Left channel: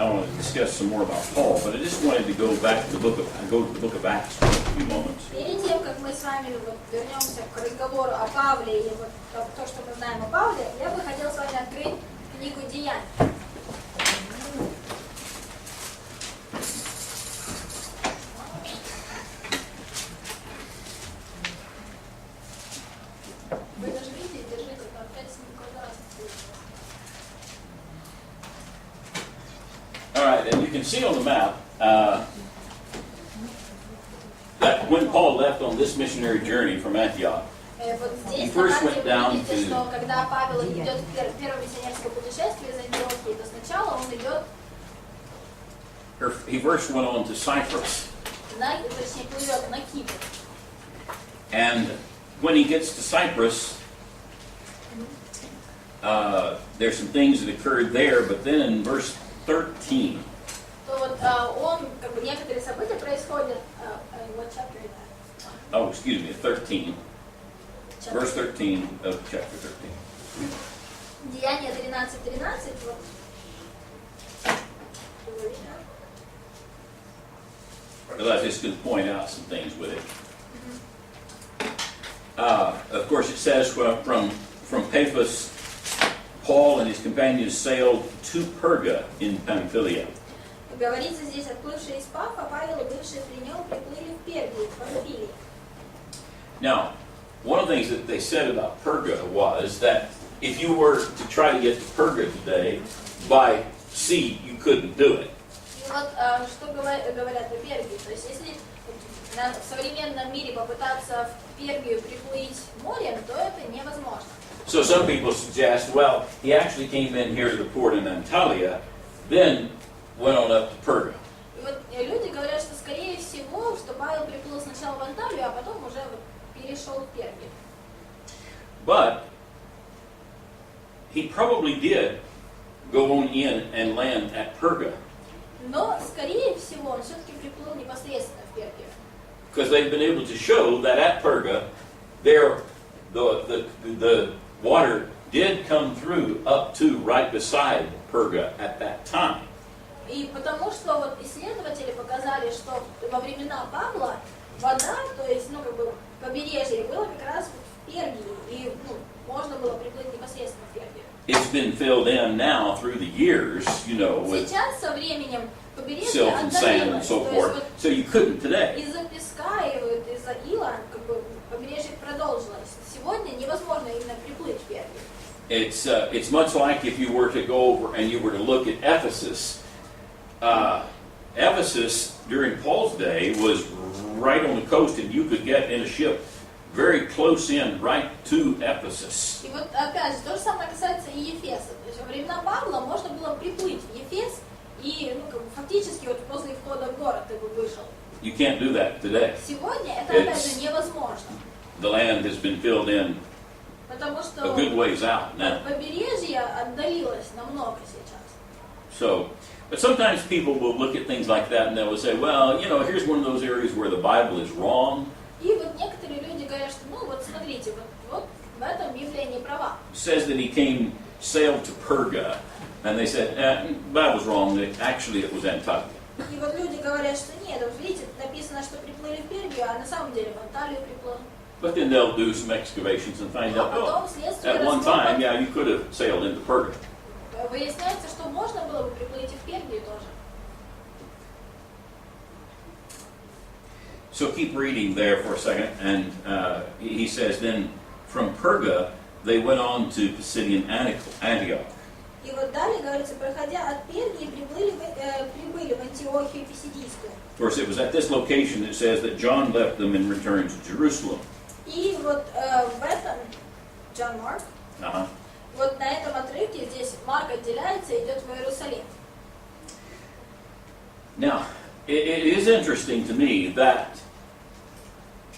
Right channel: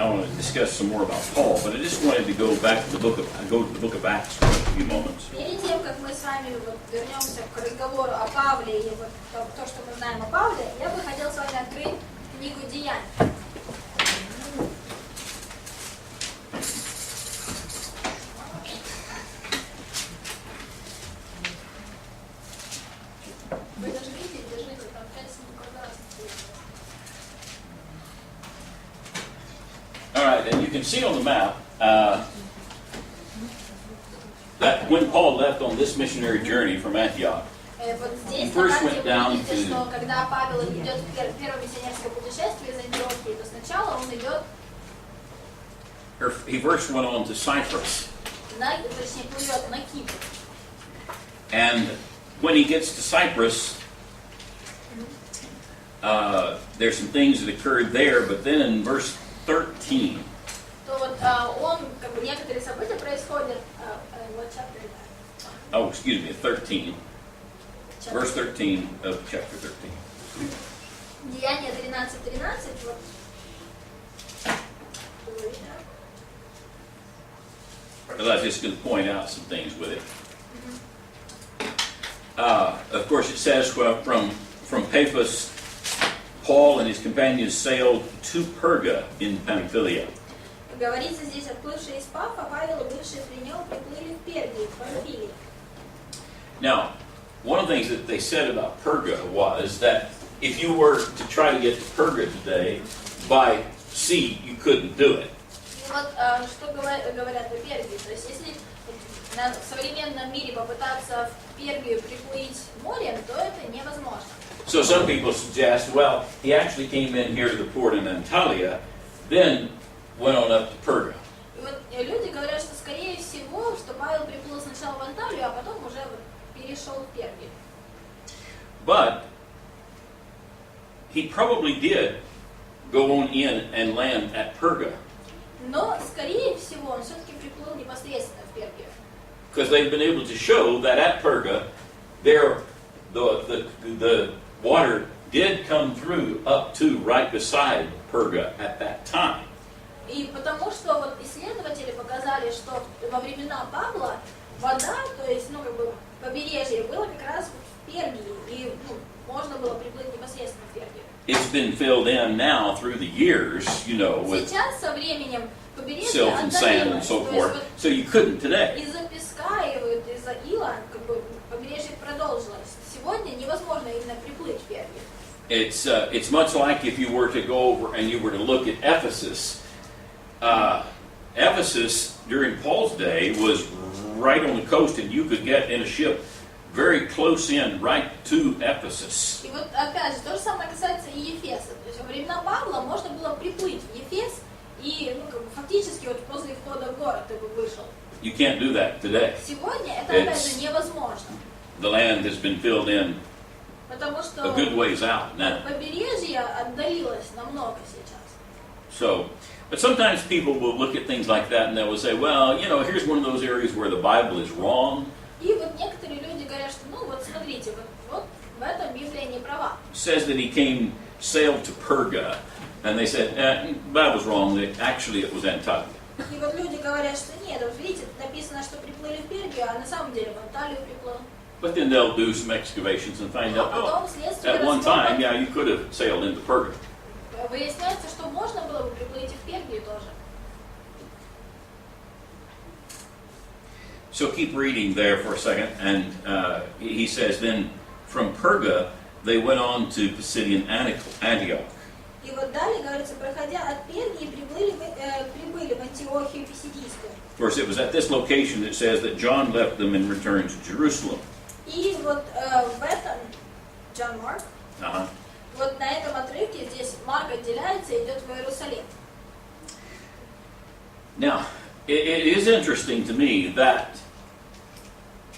I want to discuss some more about Paul, but I just wanted to go back to the book of Acts for a few moments. Перед тем, как мы с вами вернемся к разговору о Павле и то, что мы знаем о Павле, я бы хотел с вами открыть книгу Деяний. Вы нажмите, держите, там 5 квадратов. All right, and you can see on the map that when Paul left on this missionary journey from Antioch, Вот здесь на карте вы видите, что когда Павел идет в первое миссионерское путешествие из Антиохии, то сначала он идет, he first went on to Cyprus. точнее, плывет на Кипр. And when he gets to Cyprus, there's some things that occurred there, but then in verse 13, То вот он, как бы некоторые события происходят, what chapter is that? oh, excuse me, 13, verse 13 of chapter 13. Деяния 13:13, вот. Because I was just going to point out some things with it. Of course, it says from Paphos, Paul and his companions sailed to Perga in Pamphylia. Говорится здесь, отплывшие из Пафа, Павел и бывшие при нем приплыли в Пергию, в Памфилии. Now, one of the things that they said about Perga was that if you were to try to get to Perga today by sea, you couldn't do it. И вот что говорят о Пергии, то есть если в современном мире попытаться в Пергию приплыть морем, то это невозможно. So some people suggest, well, he actually came in here to the port in Antalya, then went on up to Perga. И вот люди говорят, что скорее всего, что Павел приплыл сначала в Анталию, а потом уже перешел в Пергию. But he probably did go on in and land at Perga. Но скорее всего он все-таки приплыл непосредственно в Пергию. Because they've been able to show that at Perga, there the water did come through up to right beside Perga at that time. И потому что вот исследователи показали, что во времена Павла вода, то есть, как бы побережье было как раз в Пергии, и можно было приплыть непосредственно в Пергию. It's been filled in now through the years, with Сейчас со временем побережье silt and sand and отдалилось, so то forth. есть So you couldn't today. из-за песка и из-за ила как бы побережье продолжилось. Сегодня невозможно именно приплыть в Пергию. It's much like if you were to go over and you were to look at Ephesus. Ephesus during Paul's day was right on the coast, and you could get in a ship very close in right to Ephesus. И вот опять же, то же самое касается и Ефеса. То есть во времена Павла можно было приплыть в Ефес и как бы фактически вот возле входа в город ты бы вышел. You can't do that today. Сегодня это опять же невозможно. The land has been filled in Потому что a good ways out now. побережье отдалилось намного сейчас. So, but sometimes people will look at things like that and they will say, well, here's one of those areas where the Bible is wrong. И вот некоторые люди говорят, что вот смотрите, вот в этом Библия не права. It says that he sailed to Perga, and they said, the Bible's wrong, that actually it was Antioch. И вот люди говорят, что нет, вот видите, написано, что приплыли в Пергию, а на самом деле в Анталию приплыл. But then they'll do some excavations and find out, at one time, yeah, you could have sailed into Perga. Выясняется, что можно было бы приплыть и в Пергию тоже. So keep reading there for a second, and he says, then from Perga, they went on to Pisidian Antioch. И вот далее говорится, проходя от Пергии, прибыли в Антиохию Писидийскую. Of course, it was at this location that says that John left them and returned to Jerusalem. И вот в этом, John Mark, вот на этом отрывке здесь Марк отделяется и идет в Иерусалим. Now, it is interesting to me that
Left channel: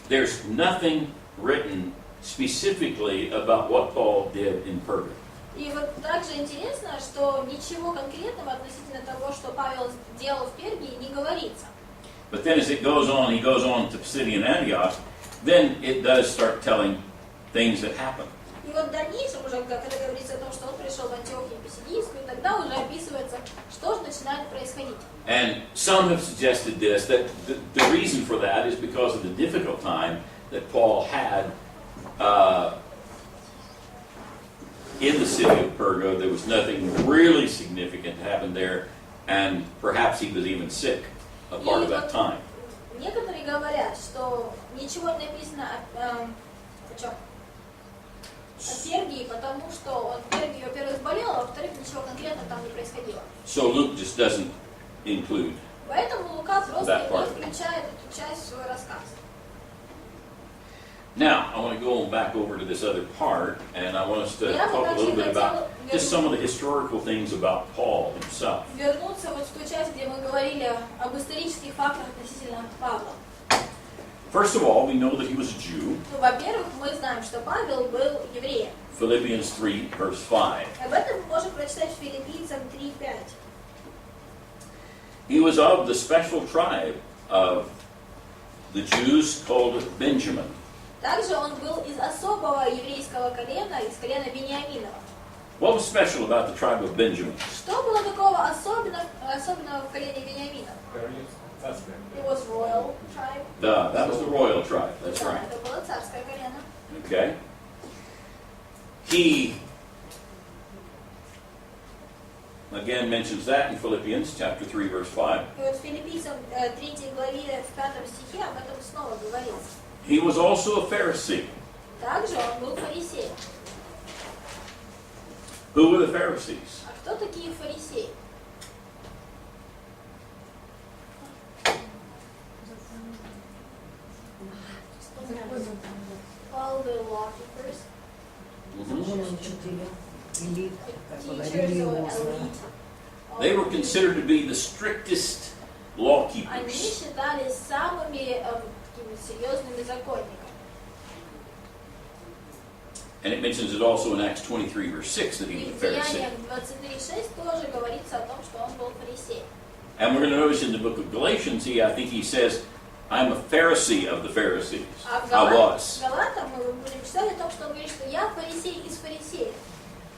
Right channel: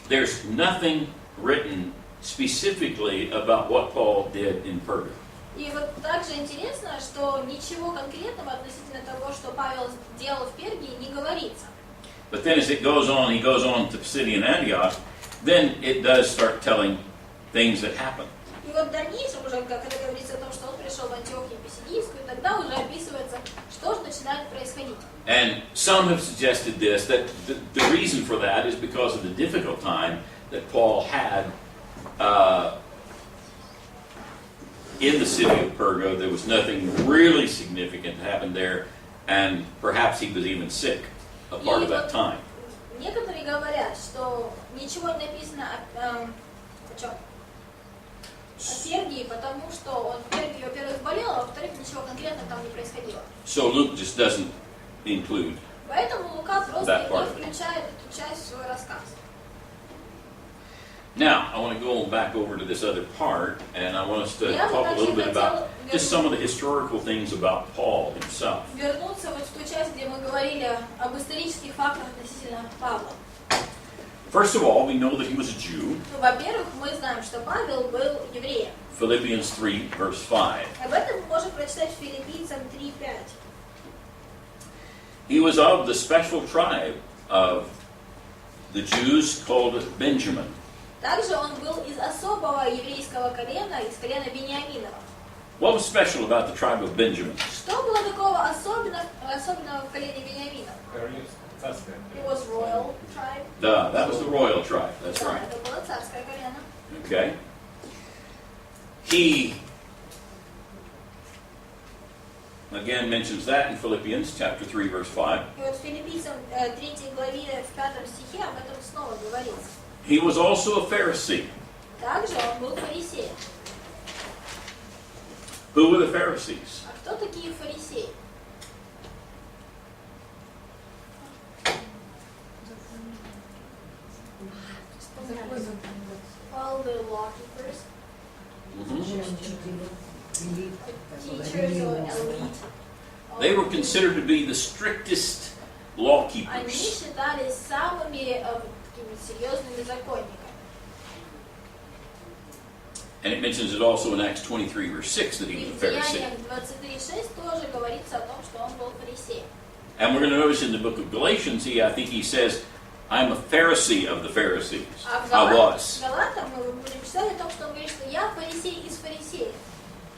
there's nothing written specifically about what Paul did in Perga. И вот также интересно, что ничего конкретного относительно того, что Павел делал в Пергии, не говорится. But then as he goes on to Pisidian Antioch, then it does start telling things that happened. И вот в дальнейшем уже, когда говорится о том, что он пришел в Антиохию Писидийскую, тогда уже описывается, что же начинает происходить And some have suggested this, that the reason for that is because of the difficult time that Paul had in the city of Perga. There was nothing really significant happened there, and perhaps he was even sick a part of that time. Некоторые говорят, что ничего не написано о чем? О Пергии, потому что он в Пергии, во-первых, болел, а во-вторых, ничего конкретного там не происходило. So Luke just doesn't include. Поэтому Лука просто не включает эту часть в свой рассказ. Now, I want to go back over to this other part, and I want us to talk a little bit about just some of the historical things about Paul himself. Вернуться вот в ту часть, где мы говорили об исторических фактах относительно Павла. First of all, we know that he was a Jew. Ну, во-первых, мы знаем, что Павел был евреем. Philippians 3, verse 5. Об этом мы можем прочитать в Филиппийцам 3:5. He was of the special tribe of the Jews called Benjamin. Также он был из особого еврейского колена, из колена Вениаминова. What was special about the tribe of Benjamin? Что было такого особенного в колене Вениаминова? It was royal tribe. That was the royal tribe, that's Да, right. это было царское колено. Okay. He again mentions that in Philippians chapter 3, verse 5. И вот в Филиппийцам 3 главе в 5 стихе об этом снова говорится. He was also a Pharisee. Также он был фарисеем. Who were the Pharisees? А кто такие фарисеи? All the law keepers, teachers or elite. They were considered to be the strictest law Они keepers. считались самыми такими серьезными законниками. And it mentions it also in Acts 23, verse 6 that he И was a в Pharisee. Деяниях 23:6 тоже говорится о том, что он был фарисеем. And we're going to notice in the book of Galatians, I think he says, I'm a Pharisee of the Pharisees. А в I was. Галатам мы будем читать о том, что он говорит, что я фарисей из фарисеев.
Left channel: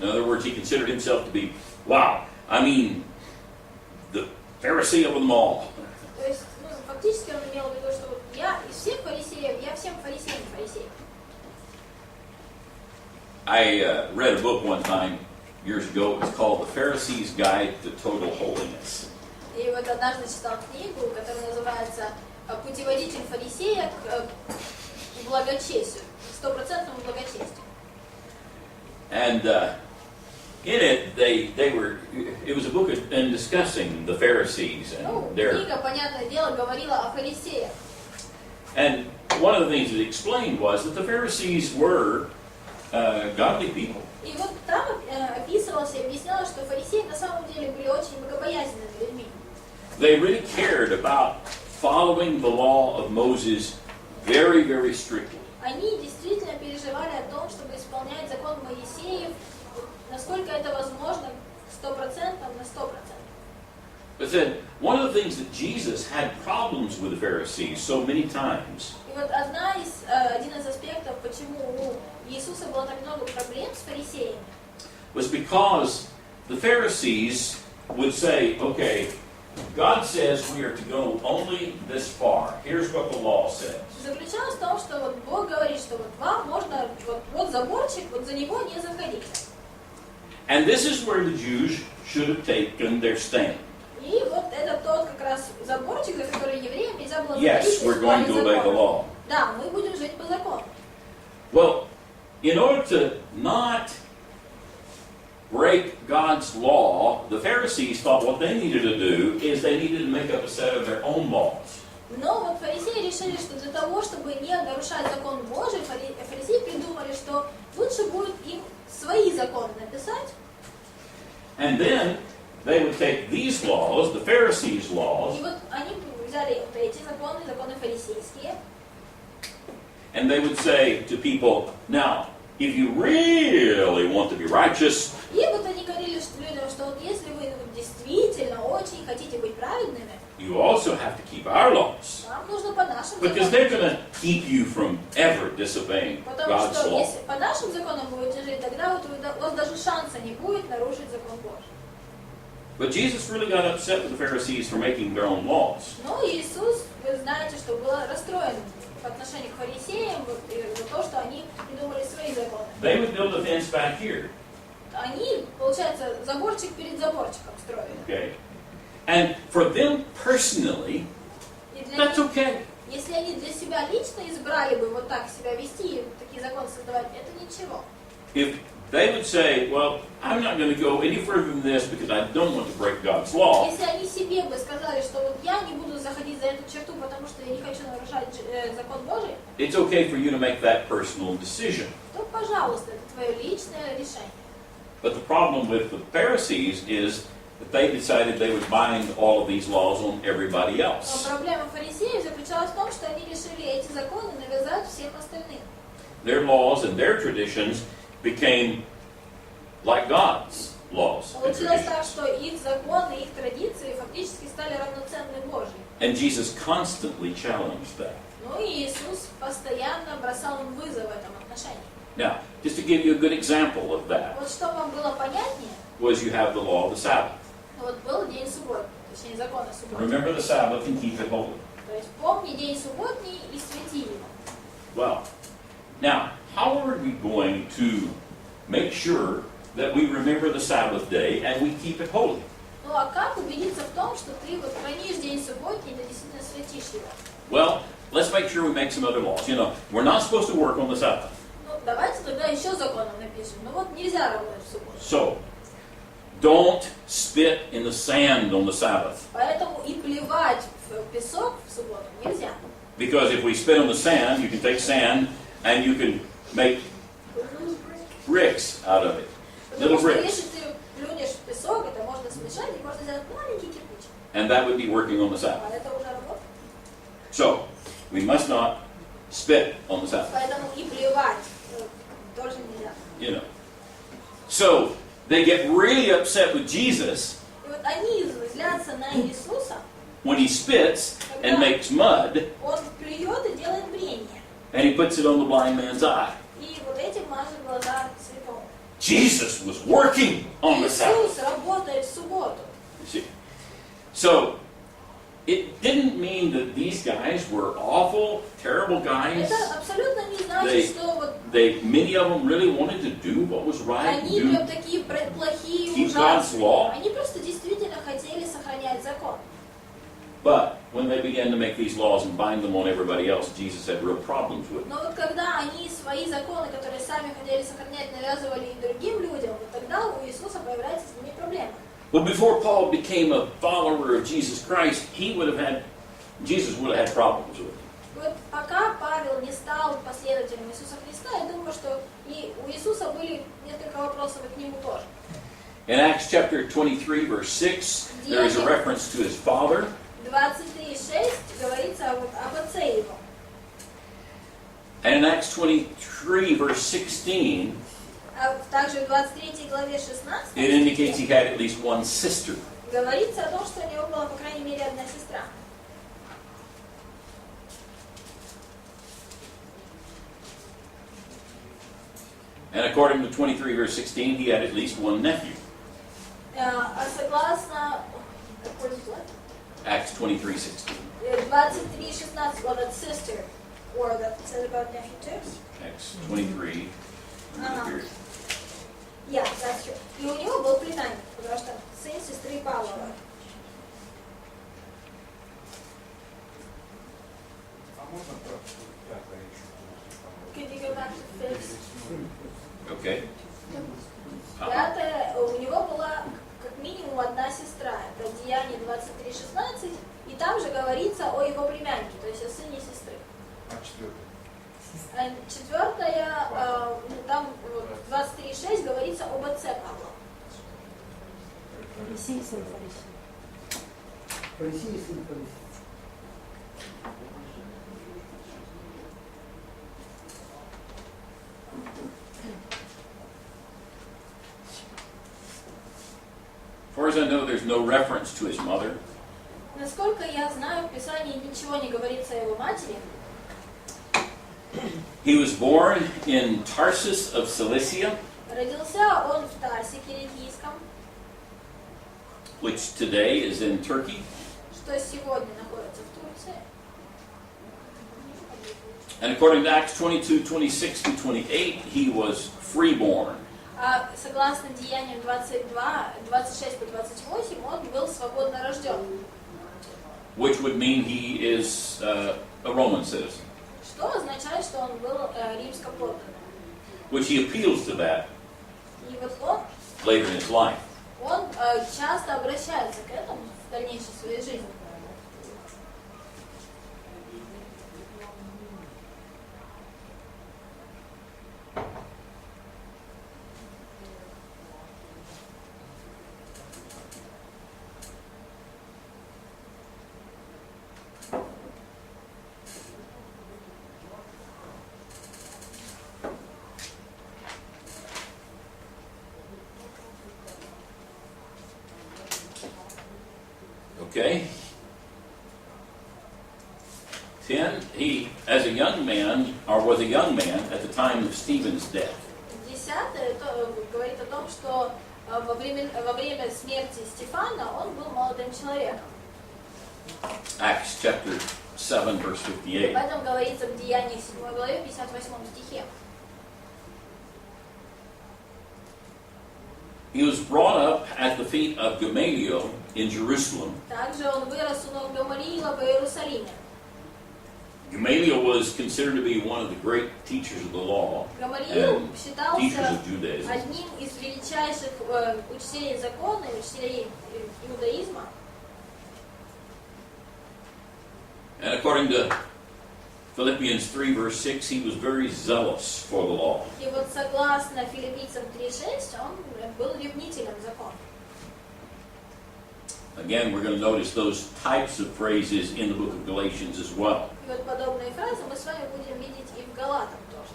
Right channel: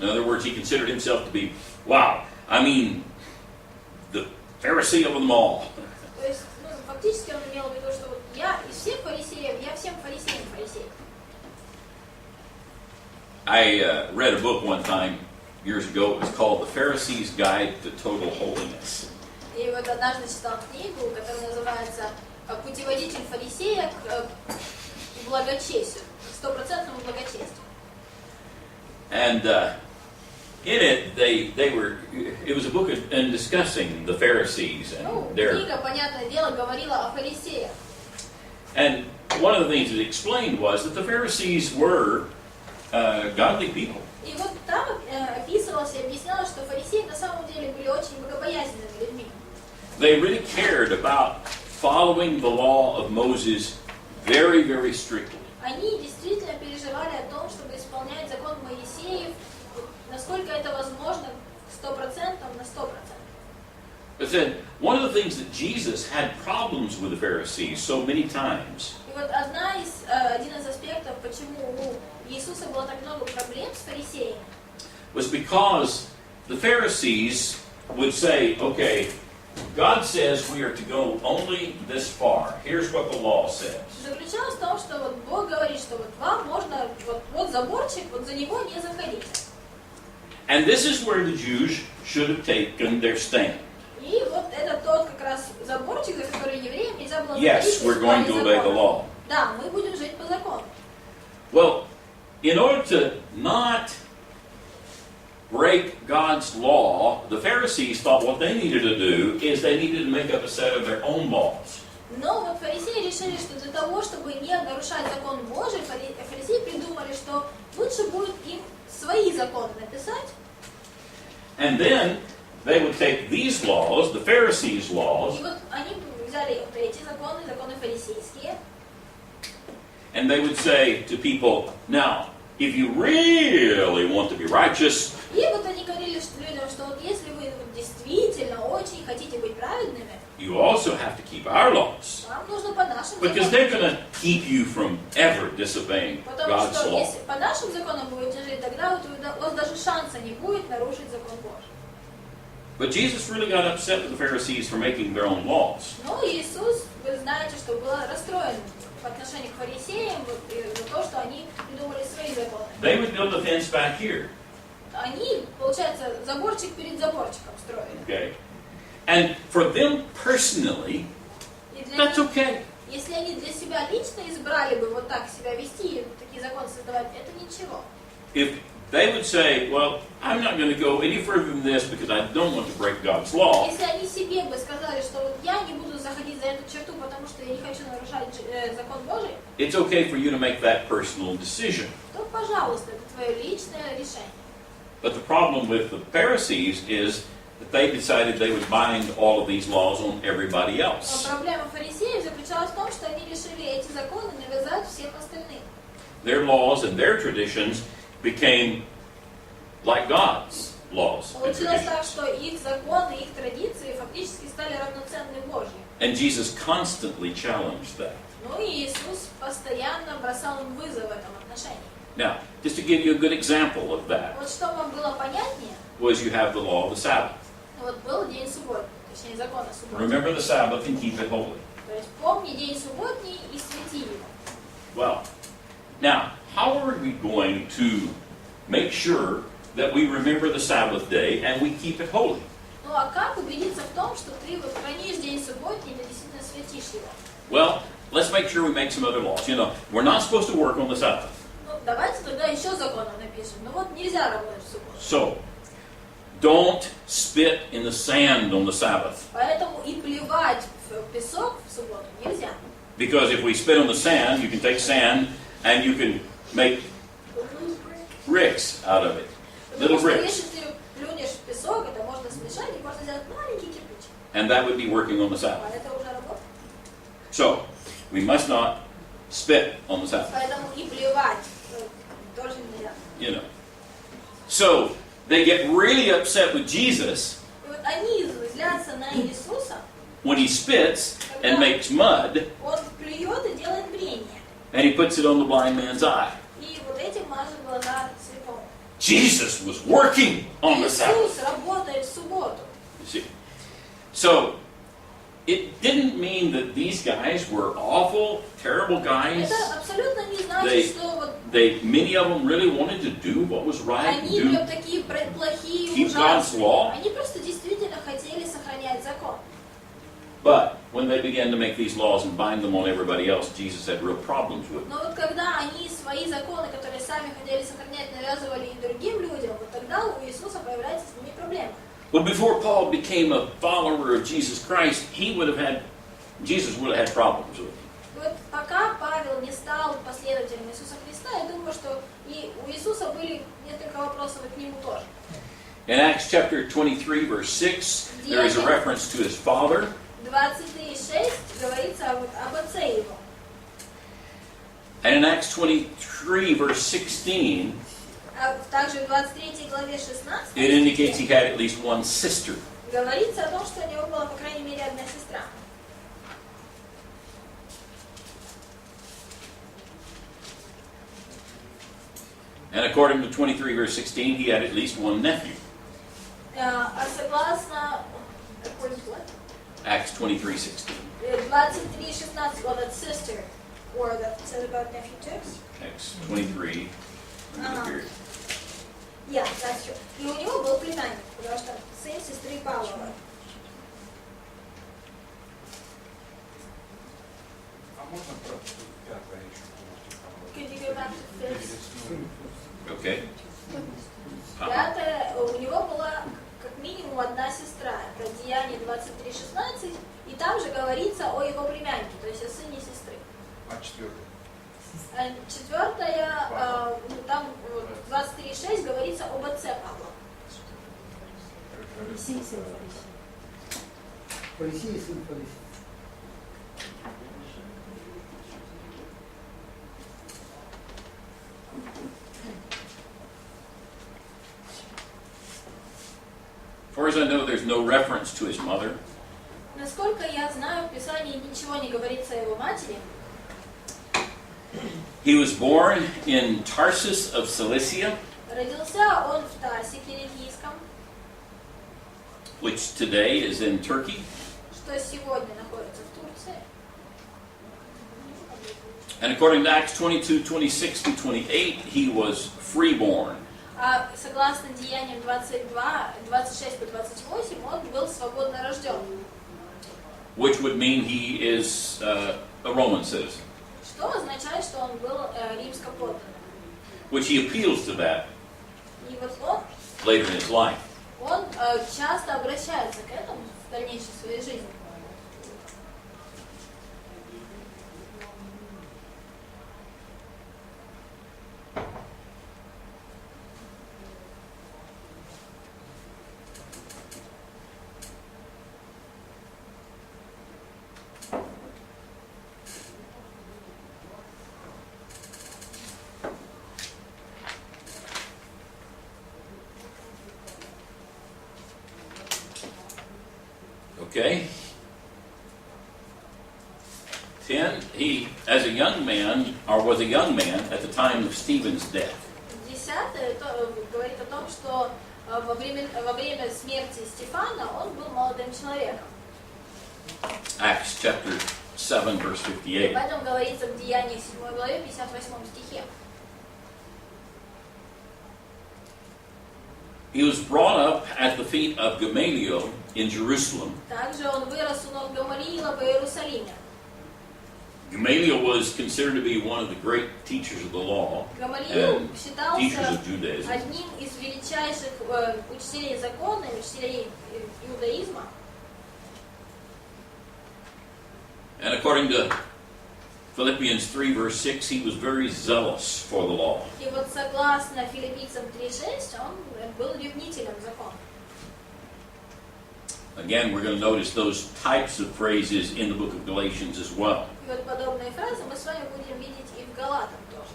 In other words, he considered himself to be, wow, I mean, the Pharisee of them all. То есть, фактически он имел в виду, что вот я из всех фарисеев, я всем фарисеям фарисей. I read a book one time, years ago, it was called The Pharisee's Guide to Total Holiness. И вот однажды читал книгу, которая называется «Путеводитель фарисея к благочестию, к стопроцентному благочестию». And in it, it was a book in discussing the Pharisees and their. Книга, понятное дело, говорила о фарисеях. And one of the things it explained was that the Pharisees were godly people. И вот там описывалось и объяснялось, что фарисеи на самом деле были очень богобоязненными людьми. They really cared about following the law of Moses very, very strictly. Они действительно переживали о том, чтобы исполнять закон Моисеев, насколько это возможно, 100%, на 100%. But then, one of the things that Jesus had problems with the Pharisees so many times И вот один из аспектов, почему у Иисуса было так много проблем с фарисеями, was because the Pharisees would say, okay, God says we are to go only this far. Here's what the law says. заключалось в том, что вот Бог говорит, что вот вам можно, вот заборчик, вот за него не заходить. And this is where the Jews should have taken their stand. И вот это тот как раз заборчик, за который евреям нельзя было Yes, we're going to obey the law. Да, мы будем жить по закону. Well, in order to not break God's law, the Pharisees thought what they needed to do is they needed to make up a set of their own laws. Но вот фарисеи решили, что для того, чтобы не нарушать закон Божий, фарисеи придумали, что лучше будет им свои законы написать. And then they would take these laws, the Pharisees' laws, И вот они взяли вот эти законы, законы фарисейские, and they would say to people, now, if you really want to be righteous, и вот они говорили людям, что вот если вы действительно очень хотите быть праведными, you also have to keep our laws. вам нужно по нашим Because they're going законам. to keep you from ever disobeying Потому God's что law. если по нашим законам будете жить, тогда вот у вас даже шанса не будет нарушить закон Божий. But Jesus really got upset with the Pharisees for making their own laws. Ну, Иисус, вы знаете, что был расстроен по отношению к фарисеям за то, что они придумали свои законы. They would build a fence back here. Они, получается, заборчик перед заборчиком строили. Okay. And for them personally, И для that's них, okay. если они для себя лично избрали бы вот так себя вести, такие законы создавать, это ничего. If they would say, well, I'm not going to go any further than this because I don't want to break God's law, Если они себе бы сказали, что вот я не буду заходить за эту черту, потому что я не хочу нарушать закон Божий, it's okay for you to make that personal decision. то, пожалуйста, это твое личное решение. But the problem with the Pharisees is that they decided they would bind all of these laws on everybody Но else. проблема фарисеев заключалась в том, что они решили эти законы навязать всем остальным. Their laws and their traditions became like God's laws and Получилось так, traditions. что их законы, их традиции фактически стали равноценны Божьим. And Jesus constantly challenged that. Ну и Иисус постоянно бросал им вызов в этом отношении. Now, just to give you a good example of that, Вот что вам было понятнее, was you have the law of the Sabbath. вот был день субботний, точнее закон о субботе. Remember the Sabbath and keep it holy. То есть помни день субботний и свети его. Well, now, how are we going to make sure that we remember the Sabbath day and we keep it holy? Ну а как убедиться в том, что ты вот хранишь день субботний и ты действительно светишь его? Well, let's make sure we make some other laws. You know, we're not supposed to work on the Sabbath. Ну давайте тогда еще законом напишем. Ну вот нельзя работать в субботу. So, don't spit in the sand on the Sabbath. Поэтому и плевать в песок в субботу нельзя. Because if we spit on the sand, you can take sand and you can make bricks out of it. Потому Little что bricks. если ты плюнешь в песок, это можно смешать и можно сделать маленький кирпич. And that would be working on the А Sabbath. это уже работа. So, we must not spit on the Sabbath. Поэтому и плевать тоже нельзя. You know. So, they get really upset with Jesus И вот они злятся на Иисуса, when he spits and makes mud он плюет и делает брение. and he puts it on the blind man's eye. И вот этим мажет глаза слепому. Jesus was working on the Sabbath. Иисус работает в субботу. You see. So, it didn't mean that these guys were awful, terrible guys. Это абсолютно не значит, что вот Many of them really wanted to do what was right, они do прям такие плохие, keep God's ужасные. law. Они просто действительно хотели сохранять закон. But when they began to make these laws and bind them on everybody else, Jesus had real problems with them. Но вот когда они свои законы, которые сами хотели сохранять, навязывали и другим людям, вот тогда у Иисуса появляется с ними проблема. Well, before Paul became a follower of Jesus Christ, Jesus would have had problems with him. Вот пока Павел не стал последователем Иисуса Христа, я думаю, что и у Иисуса были несколько вопросов и к нему тоже. In Acts chapter 23, verse 6, there is a reference to his father. 23:6 говорится об отце его. And in Acts 23, verse 16, А также в 23 главе 16 it indicates he had at least one sister. говорится о том, что у него была, по крайней мере, одна сестра. And according to 23, verse 16, he had at least one nephew. А согласно Acts 23:16. 23:16, well, that sister, or that said about nephew too. Acts 23. Period. Yeah, that's true. И у него был племянник, потому что сын сестры Павлова. А можно про пятое еще полностью? Could you go back to fifth? Okay. Пятое, у него была как минимум одна сестра. Это Деяние 23:16, и там же говорится о его племяннике, то есть о сыне сестры. А четвертое? Четвертое, там 23:6 говорится об отце Павла. Фарисей, сын фарисей. Фарисей, сын фарисей. As far as I know, there's no reference to his mother. Насколько я знаю, в Писании ничего не говорится о его матери. He was born in Tarsus of Cilicia. Родился он в Тарсе Киликийском. which today is in Turkey. что сегодня находится в Турции. And according to Acts 22:26-28, he was freeborn. А согласно Деяниям 22, 26 по 28, он был свободно рожден. Which would mean he is a Roman citizen. Что означает, что он был римскоподданным. Which he appeals to that И вот он later in his life. часто обращается к этому в дальнейшей своей жизни. Okay. 10. He, as a young man, or was a young man at the time of Stephen's death. 10 говорит о том, что во время смерти Стефана он был молодым человеком. Acts chapter 7, verse Об 58. этом говорится в Деяниях 7 главе 58 стихе. He was brought up at the feet of Gamaliel in Jerusalem. Также он вырос у ног Гамалиила в Иерусалиме. Gamaliel was considered to be one of the great teachers of the law Гамалиил and teachers считался of Judaism. одним из величайших учителей закона и учителей иудаизма. And according to Philippians 3, verse 6, he was very zealous for the law. И вот согласно Филиппийцам 3:6, он был ревнителем закона. Again, we're going to notice those types of phrases in the book of Galatians as well. И вот подобные фразы мы с вами будем видеть и в Галатам тоже.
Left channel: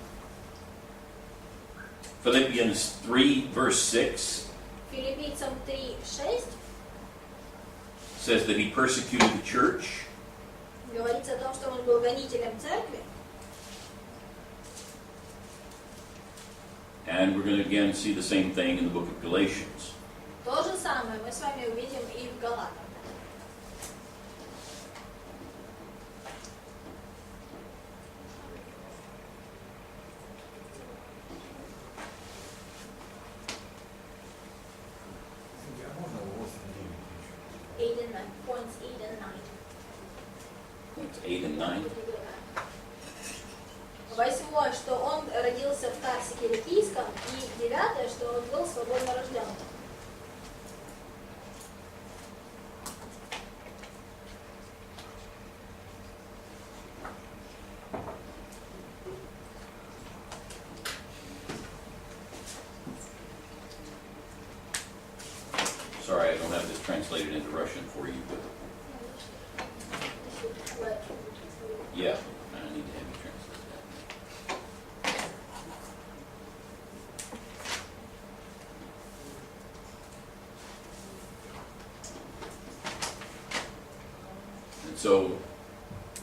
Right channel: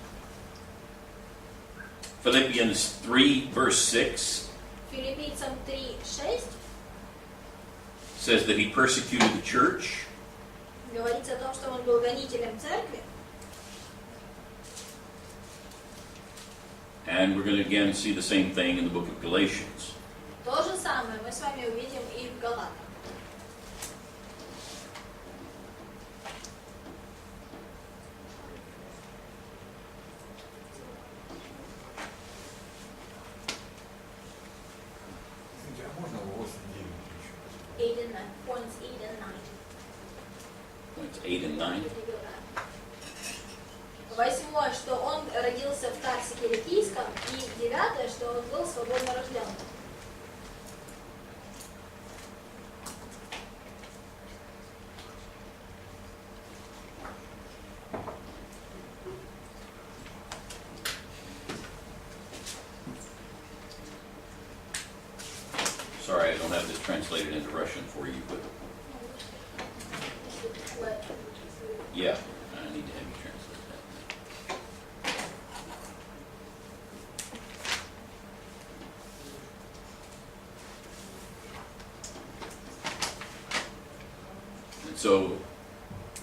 Philippians 3, verse 6 Филиппийцам 3:6 says that he persecuted the church. говорится о том, что он был гонителем церкви. And we're going to again see the same thing in the book of Galatians. То же самое мы с вами увидим и в Галатах. Извините, а можно 8-9 еще? 8 and 9, points 8 and 9. Points 8 and 9. Восьмое, что он родился в Тарсе Киликийском, и 9, что он был свободно рожден. Sorry, I don't have this translated into Russian for you, but yeah, I need to have you translate that. And so,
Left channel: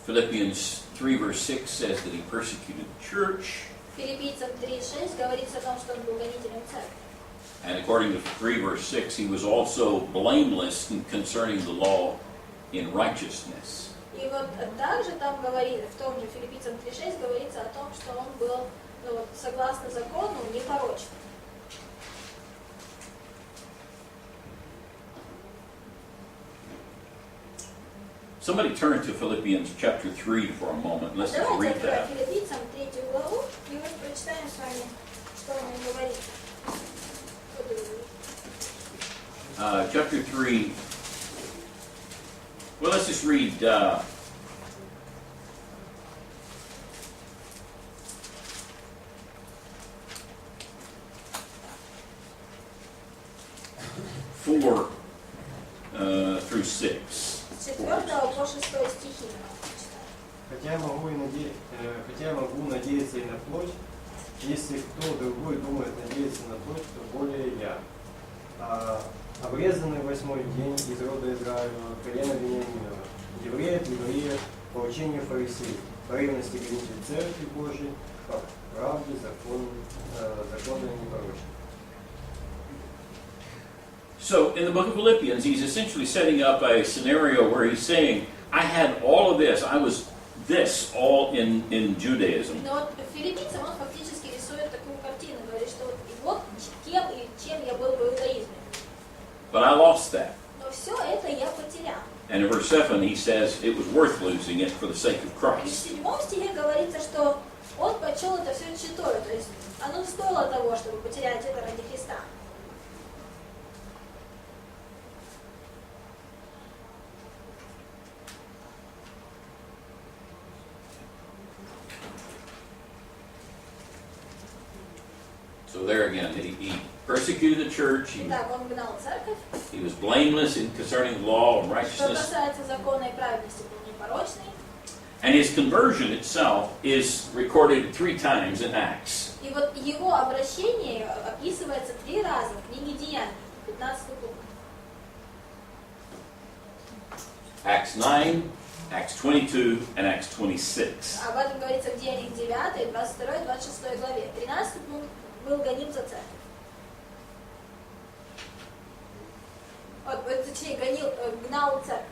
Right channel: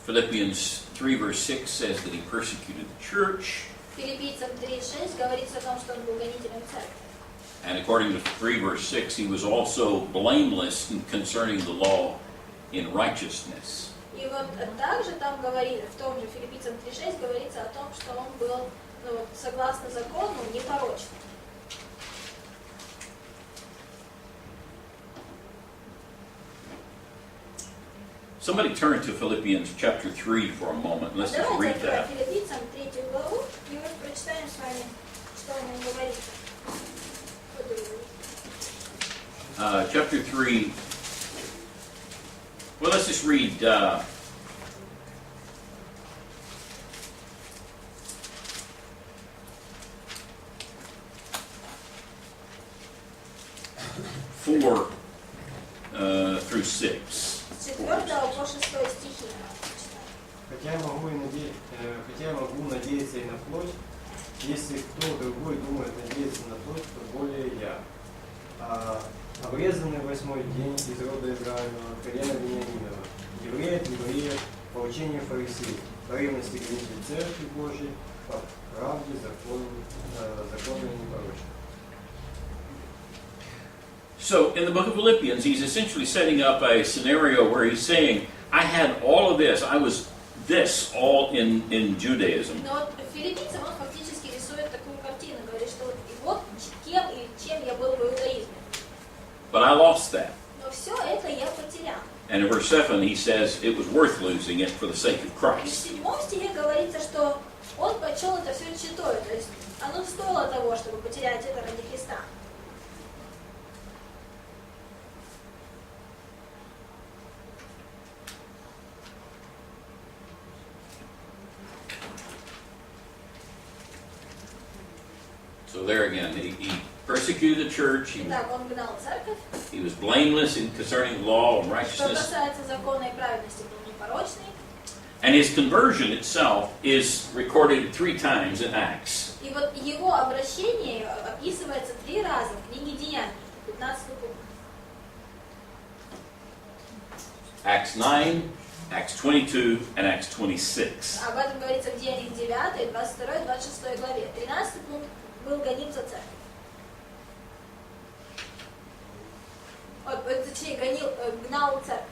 Philippians 3, verse 6 says that he persecuted the church. Филиппийцам 3:6 говорится о том, что он был гонителем церкви. And according to 3 verse 6, he was also blameless concerning the law in righteousness. И вот также там говорит, в том же Филиппийцам 3:6 говорится о том, что он был, согласно закону, непорочным. Somebody turn to Philippians chapter 3 for a moment. Let's just Давайте read откроем that. Филиппийцам 3 главу, и вот прочитаем с вами, что он нам говорит. Chapter 3. Well, let's just read 4 through 6. С 4 по 6 стихи. Хотя я могу надеяться и на плоть, если кто другой думает надеяться на плоть, то более я. Обрезанный в 8-й день из рода Израилева, колена Вениаминова, еврея от евреев, по учению фарисеев, по ревности гонитель церкви Божией, по правде законной непорочной. So in the book of Philippians, he's essentially setting up a scenario where he's saying, I had all of this, I was this all in Judaism. Но вот филиппийцам он фактически рисует такую картину, говорит, что вот кем и чем я был в иудаизме. But I lost that. Но все это я потерял. And in verse 7 he says it was worth losing it for the sake of И в Christ. 7 стихе говорится, что он почел это все читой, то есть оно стоило того, чтобы потерять это ради Христа. So there again, he persecuted the church, Итак, он гнал церковь. he was blameless in concerning the law and Что righteousness, касается закона и праведности, был непорочный. and his conversion itself is recorded 3 times in Acts. И вот его обращение описывается 3 раза в книге Деяний, 15 пункт. Acts 9, Acts 22, and Acts 26. Об этом говорится в Деяниях 9, 22, 26 главе. 13 пункт был гоним за церковь. Точнее, гнал церковь.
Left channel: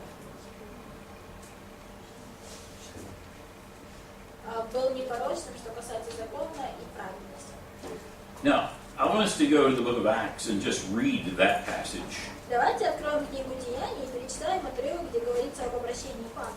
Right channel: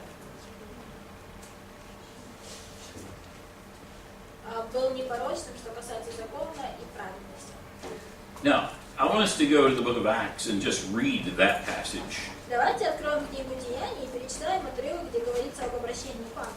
Был непорочным, что касается закона и праведности. Now, I want us to go to the book of Acts and just read that passage. Давайте откроем книгу Деяний и перечитаем отрывок, где говорится об обращении Павла.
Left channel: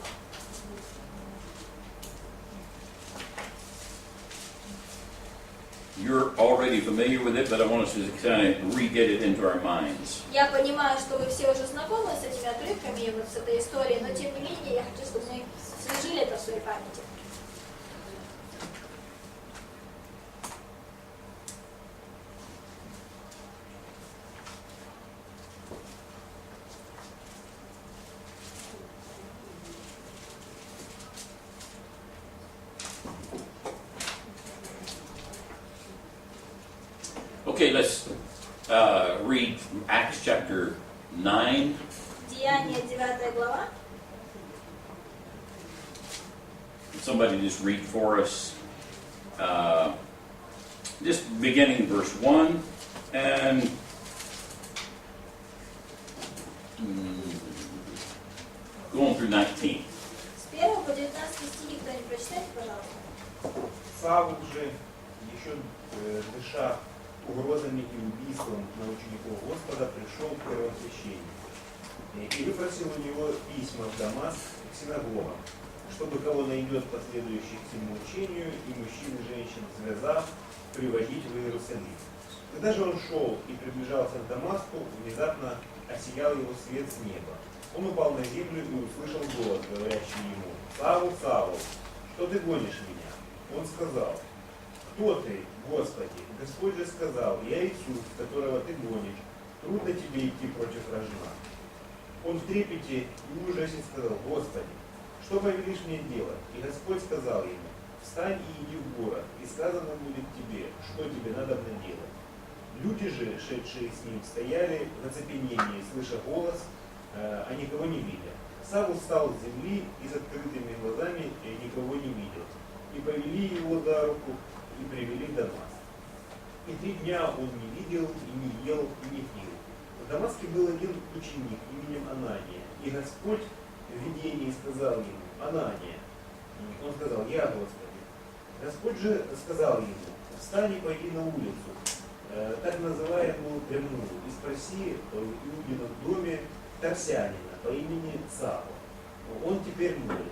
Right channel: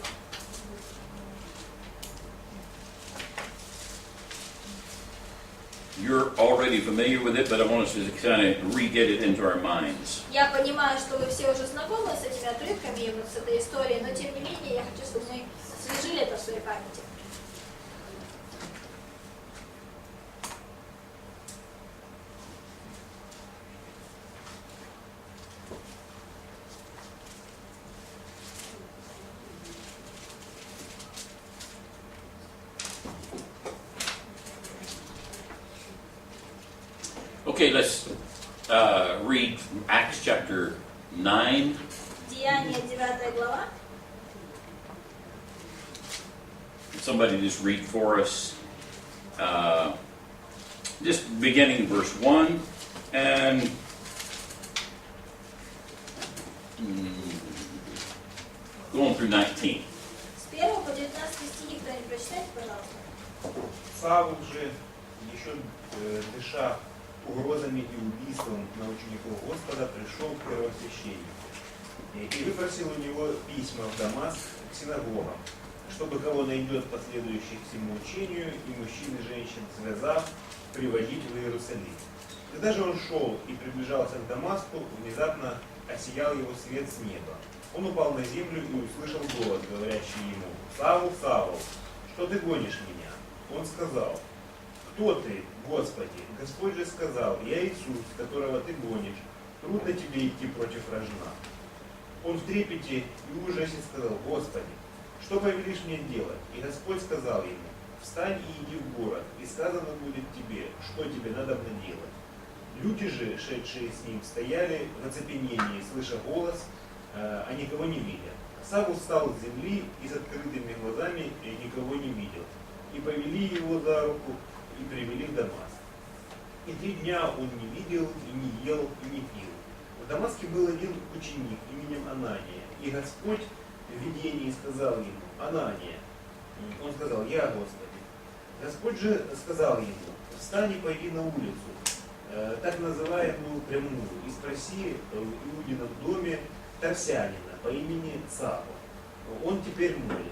You're already familiar with it, but I want us to kind of re-get it into our minds. Я понимаю, что вы все уже знакомы с этими отрывками и вот с этой историей, но тем не менее я хочу, чтобы мы освежили это в своей памяти. Okay, let's read from Acts chapter 9. Деяния, 9 глава. Somebody just read for us. Just beginning in verse 1 and going through 19. С 1 по 19 стихи кто-нибудь прочитайте, пожалуйста. Савл же, еще дыша угрозами и убийством на учеников Господа, пришел к первосвященнику и выпросил у него письма в Дамаск к синагогам, чтобы кого найдет последующих всему учению, и мужчин и женщин связав, приводить в Иерусалим. Когда же он шел и приближался к Дамаску, внезапно осиял его свет с неба. Он упал на землю и услышал голос, говорящий ему: «Савл, Савл, что ты гонишь меня?» Он сказал: «Кто ты, Господи?» Господь же сказал: «Я Иисус, которого ты гонишь. Трудно тебе идти против рожна». Он в трепете и ужасе сказал: «Господи, что повелишь мне делать?» И Господь сказал ему: «Встань и иди в город, и сказано будет тебе, что тебе надобно делать». Люди же, шедшие с ним, стояли в оцепенении, слыша голос, а никого не видя. Савл встал с земли и с открытыми глазами никого не видел. И повели его за руку и привели в Дамаск. И 3 дня он не видел, и не ел, и не пил. В Дамаске был один ученик именем Анания, и Господь в видении сказал ему: «Анания». Он сказал: «Я, Господи». Господь же сказал ему: «Встань и пойди на улицу, так называемую прямую, и спроси в Иудином доме Тарсянина по имени Савл. Он теперь молится».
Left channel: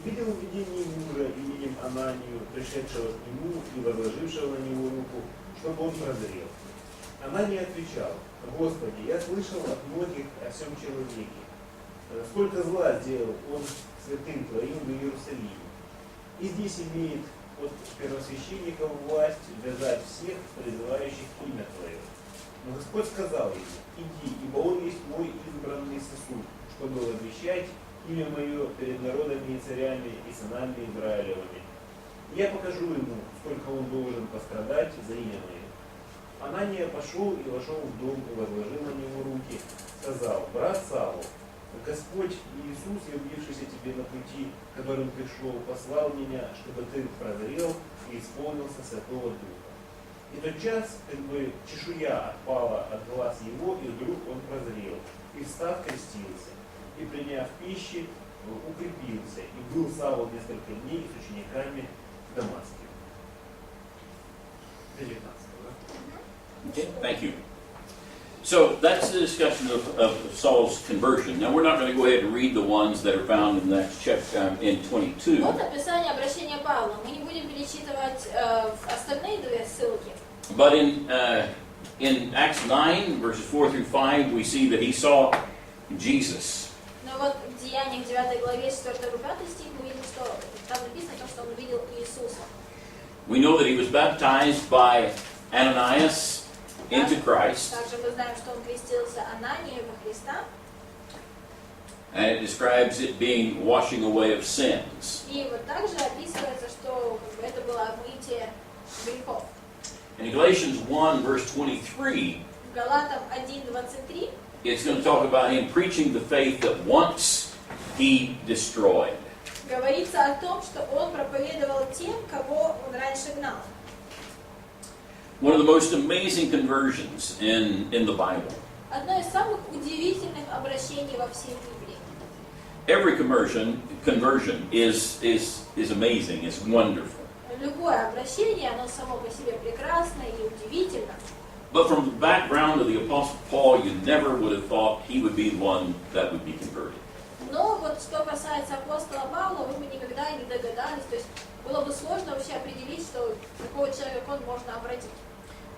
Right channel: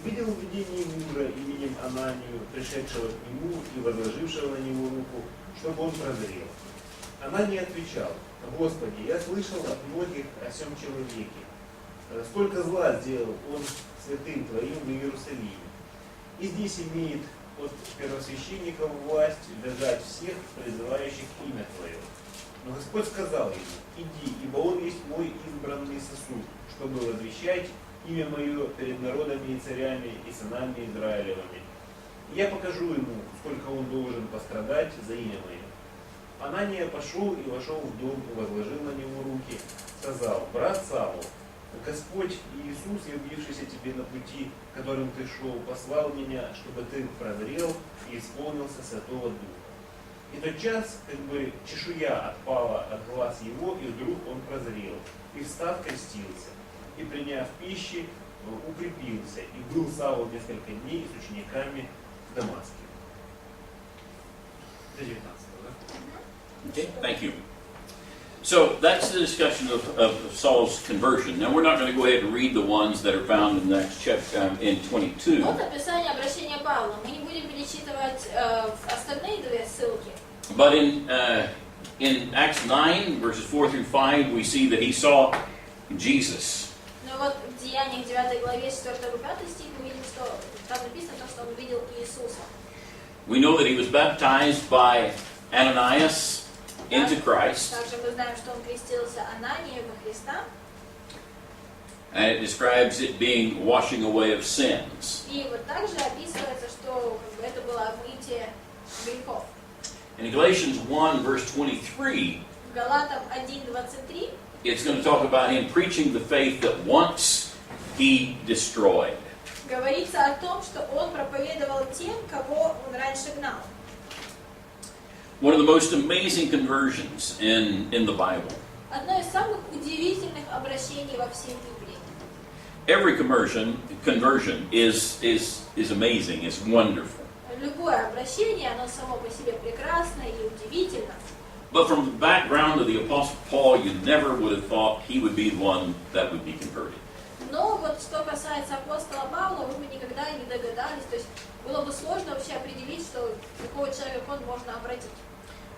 Увидел в видении мужа именем Ананию, пришедшего к нему и возложившего на него руку, чтобы он прозрел. Анания отвечал: «Господи, я слышал от многих о сем человеке. Сколько зла сделал он святым Твоим в Иерусалиме. И здесь имеет от первосвященников власть вязать всех, призывающих имя Твое». Но Господь сказал ему: «Иди, ибо он есть мой избранный сосуд, чтобы возвещать имя мое перед народами и царями и сынами Израилевыми. И я покажу ему, сколько он должен пострадать за имя мое». Анания пошел и вошел в дом, и возложил на него руки, сказал: «Брат Савл, Господь Иисус, явившийся тебе на пути, которым ты шел, послал меня, чтобы ты прозрел и исполнился Святого Духа». И тотчас, как бы, чешуя отпала от глаз его, и вдруг он прозрел, и встав крестился, и приняв пищи, укрепился, и был Савл несколько дней с учениками в Дамаске. До 19, да? Okay, thank you. So that's the discussion of Saul's conversion. Now we're not going to go ahead and read the ones that are found in the next chapter in 22. Вот описание обращения Павла. Мы не будем перечитывать остальные две ссылки. But in Acts 9, verses 4 through 5, we see that he saw Jesus. Но вот в Деяниях 9 главе 4-5 стих мы видим, что там написано, что он увидел Иисуса. We know that he was baptized by Ananias into Christ. Также мы знаем, что он крестился Ананией во Христа. And it describes it being washing away of sins. И вот также описывается, что как бы, это было омытие грехов. In Galatians 1, verse 23, В Галатам 1:23 it's going to talk about him preaching the faith that once he destroyed. говорится о том, что он проповедовал тем, кого он раньше гнал. One of the most amazing conversions in the Bible. Одно из самых удивительных обращений во всей Библии. Every conversion is amazing, is wonderful. Любое обращение, оно само по себе прекрасно и удивительно. But from the background of the Apostle Paul, you never would have thought he would be the one that would be converted. Но вот что касается апостола Павла, вы бы никогда не догадались, то есть было бы сложно вообще определить, что такого человека он можно обратить.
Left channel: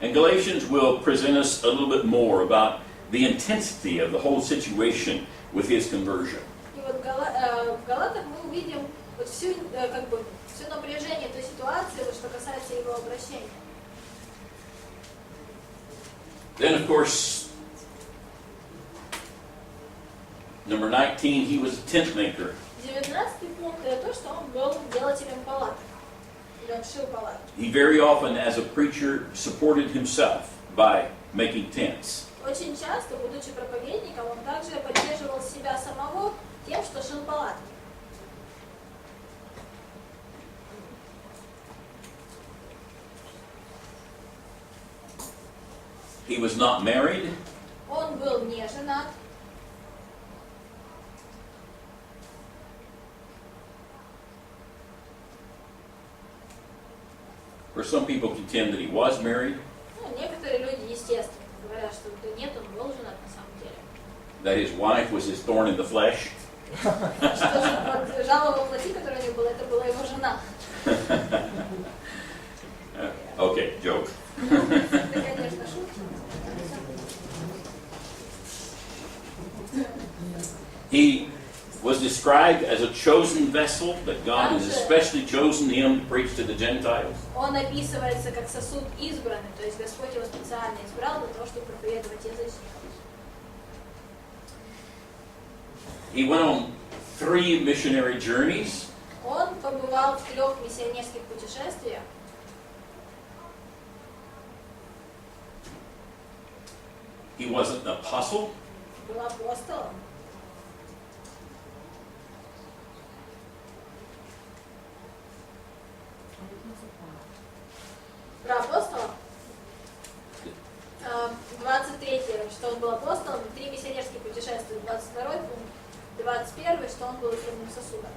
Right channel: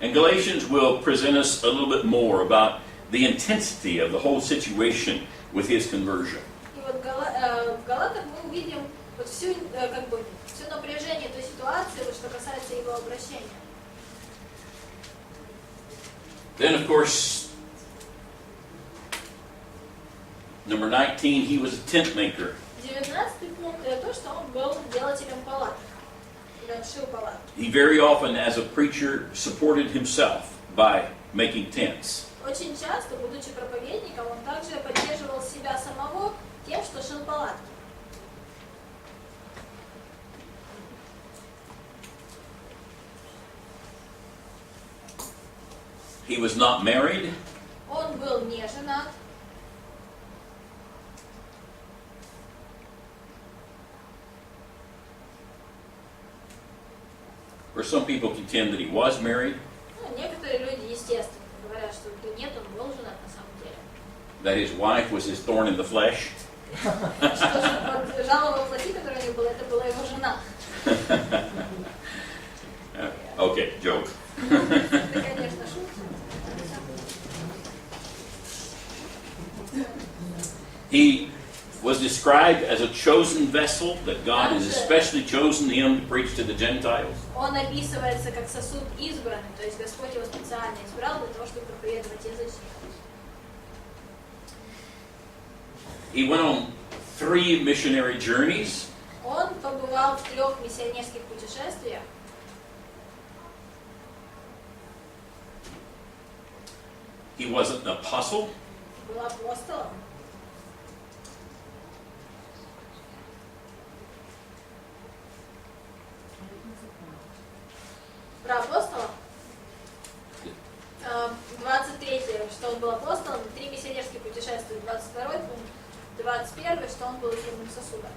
And Galatians will present us a little bit more about the intensity of the whole situation with his conversion. И вот в Галатах мы увидим вот всю, как бы, все напряжение той ситуации, вот, что касается его обращения. Then, of course, number 19, he was a tent maker. 19-й пункт это то, что он был делателем палаток. Или он шил палатки. He very often, as a preacher, supported himself by making tents. Очень часто, будучи проповедником, он также поддерживал себя самого тем, что шил палатки. He was not married. Он был не женат. Or some people contend that he was married. Ну, некоторые люди, естественно, говорят, что да нет, он был женат на самом деле. That his wife was his thorn in the flesh. Что же, вот, жало во плоти, которое у него было, это была его жена. Okay, joke. Это, конечно, шутка. He was described as a chosen vessel, that God has especially chosen him to preach to the Gentiles. Он описывается как сосуд избранный, то есть Господь его специально избрал для того, чтобы проповедовать язычникам. He went on 3 missionary journeys. Он побывал в 3 миссионерских путешествиях. He wasn't an apostle. Был апостолом. Про апостола. 23, что он был апостолом, 3 миссионерских путешествия, 22 пункт, 21, что он был избранным сосудом.